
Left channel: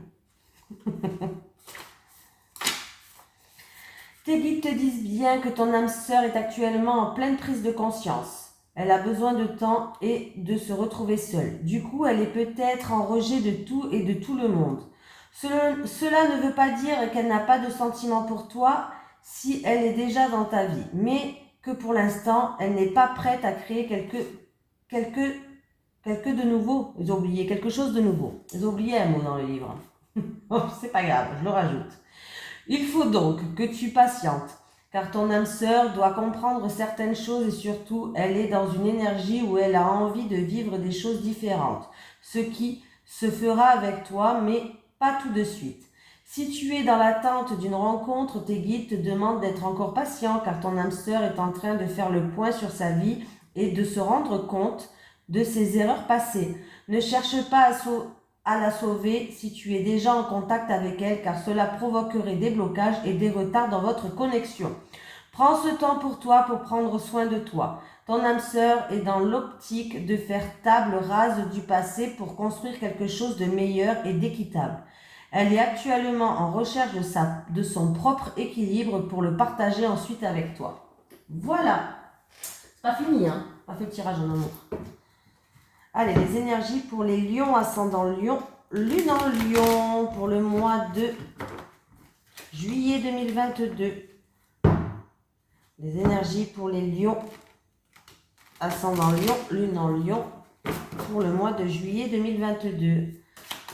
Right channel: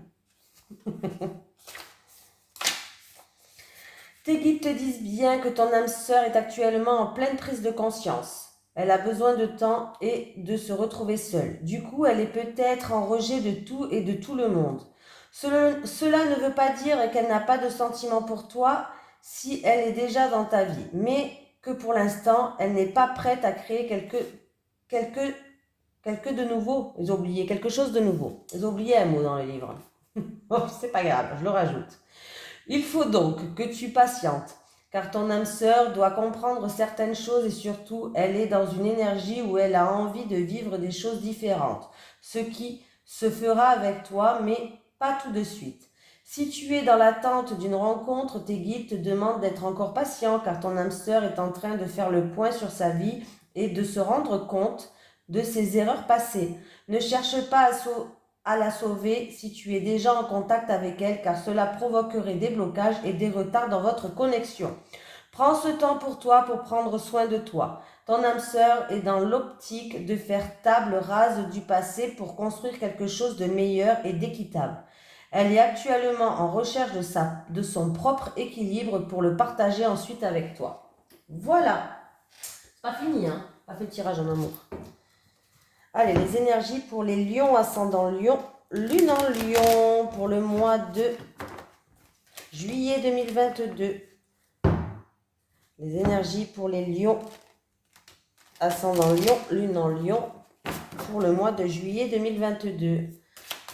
Tes guides te disent bien que ton âme sœur est actuellement en pleine prise de conscience. Elle a besoin de temps et de se retrouver seule. Du coup, elle est peut-être en rejet de tout et de tout le monde. Cela ne veut pas dire qu'elle n'a pas de sentiment pour toi si elle est déjà dans ta vie, mais que pour l'instant, elle n'est pas prête à créer quelque de nouveau. Ils ont oublié quelque chose de nouveau. Ils ont oublié un mot dans le livre. Oh, c'est pas grave, je le rajoute. Il faut donc que tu patientes, car ton âme sœur doit comprendre certaines choses et surtout, elle est dans une énergie où elle a envie de vivre des choses différentes, ce qui se fera avec toi, mais pas tout de suite. Si tu es dans l'attente d'une rencontre, tes guides te demandent d'être encore patient, car ton âme sœur est en train de faire le point sur sa vie et de se rendre compte de ses erreurs passées. Ne cherche pas à la sauver si tu es déjà en contact avec elle, car cela provoquerait des blocages et des retards dans votre connexion. Prends ce temps pour toi pour prendre soin de toi. Ton âme sœur est dans l'optique de faire table rase du passé pour construire quelque chose de meilleur et d'équitable. Elle est actuellement en recherche de son propre équilibre pour le partager ensuite avec toi. Voilà. C'est pas fini, hein. Pas fait de tirage en amour. Allez, les énergies pour les lions, ascendant lion, lune en lion pour le mois de juillet 2022. Les énergies pour les lions, ascendant lion, lune en lion pour le mois de juillet 2022.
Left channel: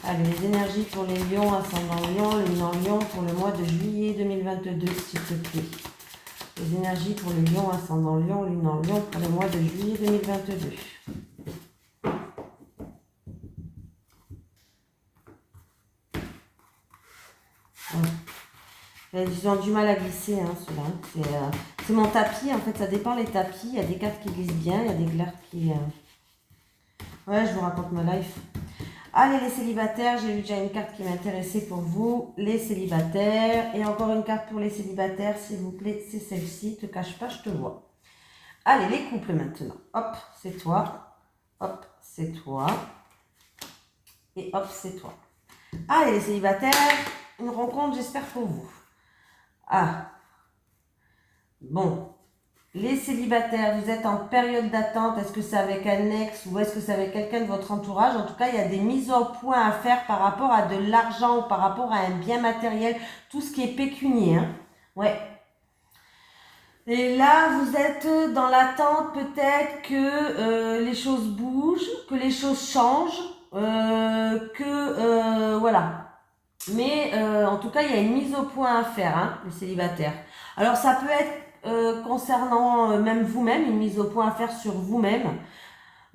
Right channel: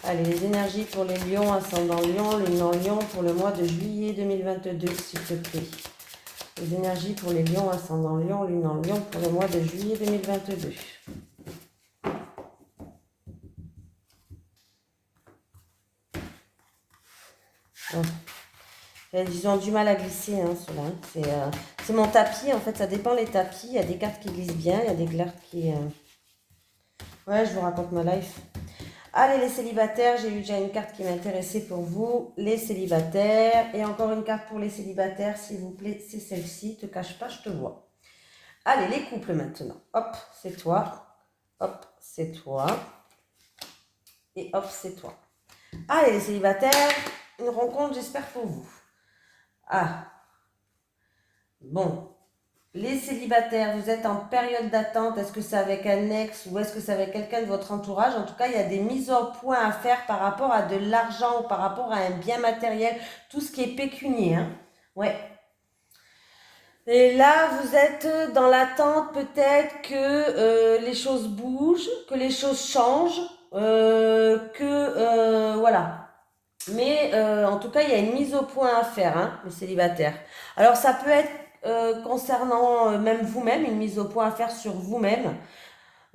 Allez, les énergies pour les lions, ascendant lion, lune en lion pour le mois de juillet 2022, s'il te plaît. Les énergies pour les lions, ascendant lion, lune en lion pour le mois de juillet 2022. Ils ont du mal à glisser, hein, ceux-là. C'est mon tapis, en fait, ça dépend les tapis. Il y a des cartes qui glissent bien, il y a des cartes qui... Ouais, je vous raconte ma life. Allez, les célibataires, j'ai eu déjà une carte qui m'intéressait pour vous. Les célibataires. Et encore une carte pour les célibataires, s'il vous plaît, c'est celle-ci. Te cache pas, je te vois. Allez, les couples maintenant. Hop, c'est toi. Hop, c'est toi. Et hop, c'est toi. Allez, les célibataires, une rencontre, j'espère pour vous. Ah, bon, les célibataires, vous êtes en période d'attente, est-ce que c'est avec un ex ou est-ce que c'est avec quelqu'un de votre entourage? En tout cas, il y a des mises au point à faire par rapport à de l'argent ou par rapport à un bien matériel, tout ce qui est pécunier, hein. Ouais. Et là, vous êtes dans l'attente peut-être que les choses bougent, que les choses changent, voilà. Mais en tout cas, il y a une mise au point à faire, hein, les célibataires. Alors, ça peut être concernant même vous-même, une mise au point à faire sur vous-même.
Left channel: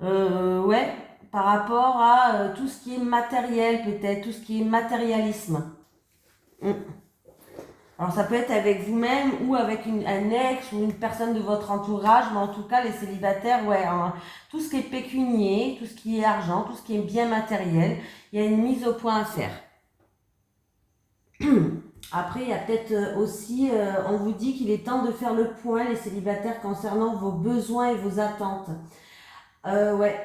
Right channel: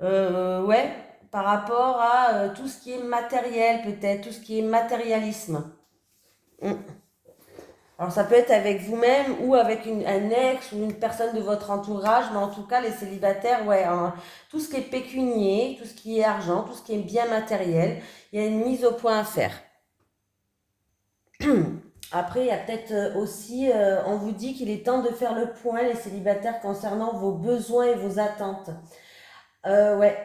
Ouais, par rapport à tout ce qui est matériel, peut-être, tout ce qui est matérialisme. Mm. Alors, ça peut être avec vous-même ou avec un ex ou une personne de votre entourage, mais en tout cas, les célibataires, ouais, hein, tout ce qui est pécunier, tout ce qui est argent, tout ce qui est bien matériel, il y a une mise au point à faire. Après, il y a peut-être aussi, on vous dit qu'il est temps de faire le point, les célibataires, concernant vos besoins et vos attentes. Ouais,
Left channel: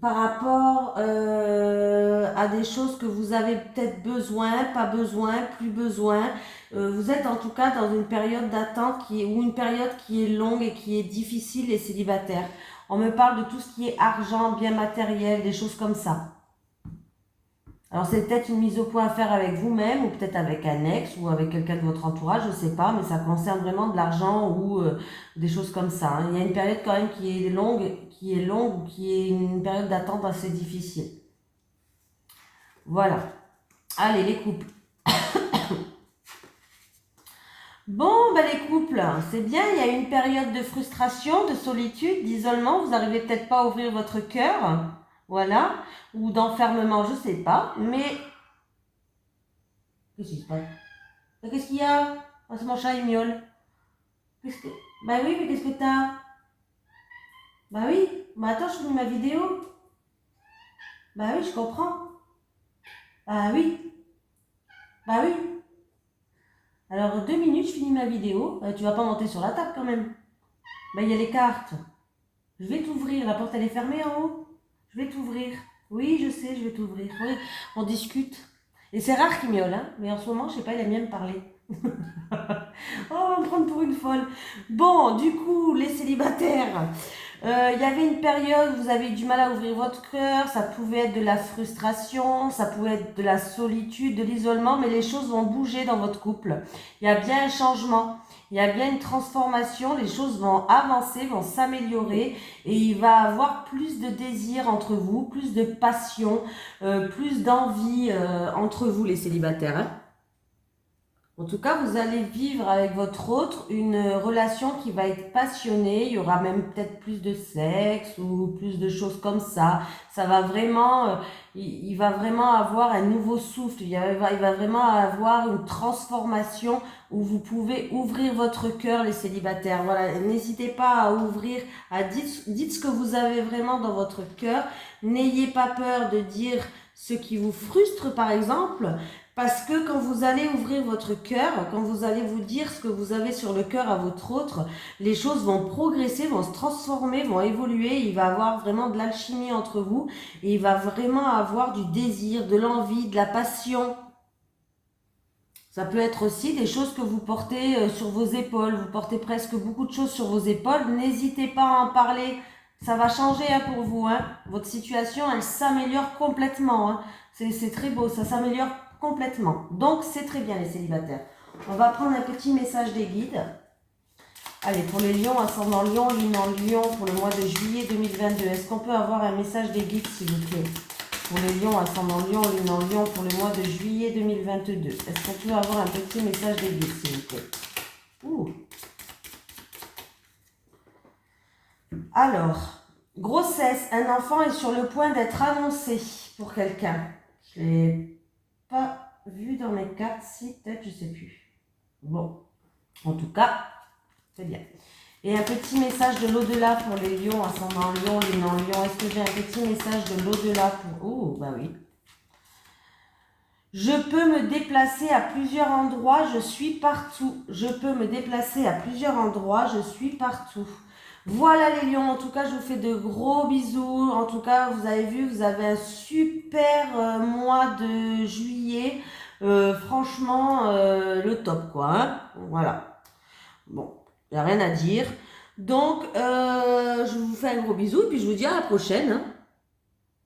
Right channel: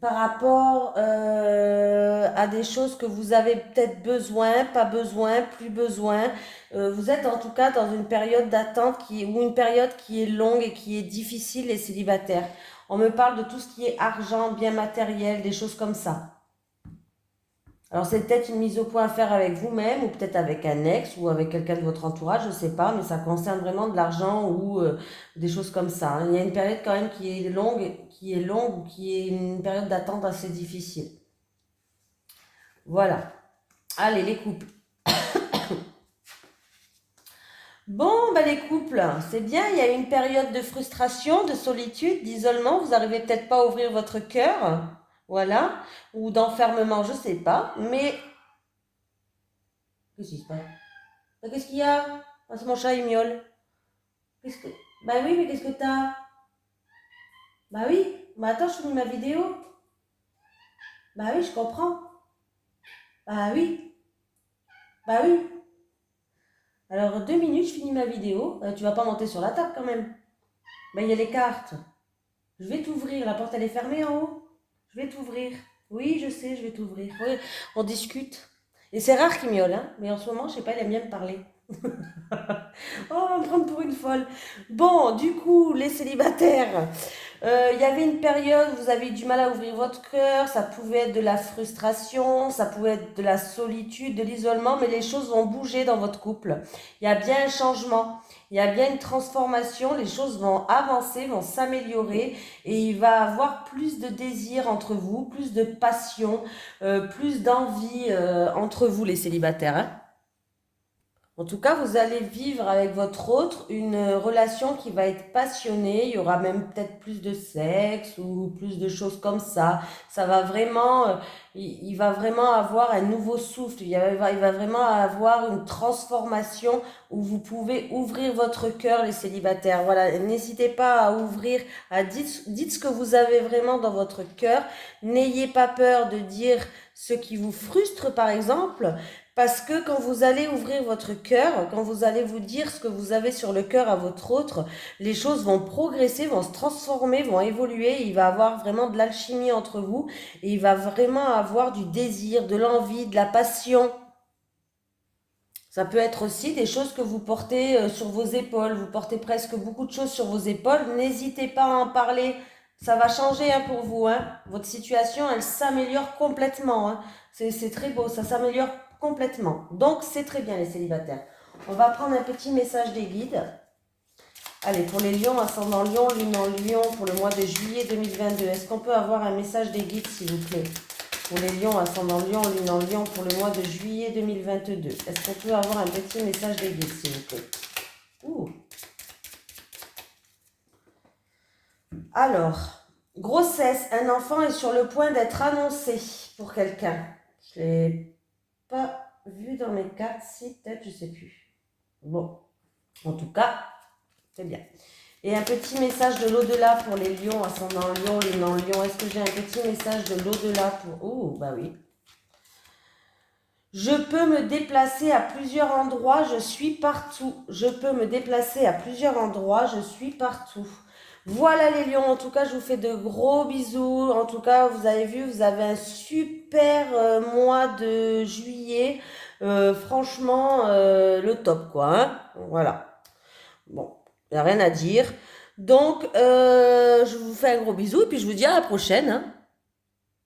par rapport à des choses que vous avez peut-être besoin, pas besoin, plus besoin. Vous êtes en tout cas dans une période d'attente ou une période qui est longue et qui est difficile, les célibataires. On me parle de tout ce qui est argent, bien matériel, des choses comme ça. Alors c'est peut-être une mise au point à faire avec vous-même ou peut-être avec un ex ou avec quelqu'un de votre entourage, je ne sais pas, mais ça concerne vraiment de l'argent ou des choses comme ça, hein. Il y a une période quand même qui est longue ou qui est une période d'attente assez difficile. Voilà. Allez, les couples. Bon, ben les couples, c'est bien, il y a une période de frustration, de solitude, d'isolement, vous n'arrivez peut-être pas à ouvrir votre cœur, voilà, ou d'enfermement, je ne sais pas, mais qu'est-ce qui se passe? Qu'est-ce qu'il y a? Oh, c'est mon chat, il miaule. Qu'est-ce que... Bah oui, mais qu'est-ce que t'as? Bah oui, bah attends, je finis ma vidéo. Bah oui, je comprends. Bah oui, bah oui. Alors, 2 minutes, je finis ma vidéo. Tu vas pas monter sur la table quand même. Bah il y a les cartes. Je vais t'ouvrir, la porte elle est fermée en haut. Je vais t'ouvrir. Oui, je sais, je vais t'ouvrir. Oui, on discute. Et c'est rare qu'il miaule, hein. Mais en ce moment, je sais pas, il aime bien me parler. Oh, on va me prendre pour une folle. Bon, du coup, les célibataires. Il y avait une période où vous avez eu du mal à ouvrir votre cœur, ça pouvait être de la frustration, ça pouvait être de la solitude, de l'isolement, mais les choses vont bouger dans votre couple. Il y a bien un changement, il y a bien une transformation, les choses vont avancer, vont s'améliorer et il va y avoir plus de désir entre vous, plus de passion, plus d'envie entre vous les célibataires, hein. En tout cas, vous allez vivre avec votre autre une relation qui va être passionnée. Il y aura même peut-être plus de sexe ou plus de choses comme ça. Ça va vraiment, il va vraiment avoir un nouveau souffle. Il va vraiment avoir une transformation où vous pouvez ouvrir votre cœur, les célibataires. Voilà, n'hésitez pas à ouvrir, dites ce que vous avez vraiment dans votre cœur. N'ayez pas peur de dire ce qui vous frustre, par exemple. Parce que quand vous allez ouvrir votre cœur, quand vous allez vous dire ce que vous avez sur le cœur à votre autre, les choses vont progresser, vont se transformer, vont évoluer. Il va y avoir vraiment de l'alchimie entre vous et il va vraiment avoir du désir, de l'envie, de la passion. Ça peut être aussi des choses que vous portez sur vos épaules. Vous portez presque beaucoup de choses sur vos épaules. N'hésitez pas à en parler. Ça va changer hein, pour vous, hein. Votre situation, elle s'améliore complètement, hein. C'est très beau, ça s'améliore complètement. Donc, c'est très bien les célibataires. On va prendre un petit message des guides. Allez, pour les lions, ascendant lion, lune en lion, pour le mois de juillet 2022. Est-ce qu'on peut avoir un message des guides, s'il vous plaît? Pour les lions, ascendant lion, lune en lion, pour le mois de juillet 2022. Est-ce qu'on peut avoir un petit message des guides, s'il vous plaît? Ouh. Alors, grossesse, un enfant est sur le point d'être annoncé pour quelqu'un. Je ne l'ai pas vu dans mes cartes, si peut-être, je ne sais plus. Bon, en tout cas, c'est bien. Et un petit message de l'au-delà pour les lions, ascendant lion, lune en lion. Est-ce que j'ai un petit message de l'au-delà pour... Oh, bah oui. Je peux me déplacer à plusieurs endroits, je suis partout. Je peux me déplacer à plusieurs endroits, je suis partout. Voilà les lions, en tout cas je vous fais de gros bisous. En tout cas vous avez vu, vous avez un super mois de juillet. Franchement le top quoi, hein. Voilà. Bon, il n'y a rien à dire. Donc je vous fais un gros bisou et puis je vous dis à la prochaine, hein.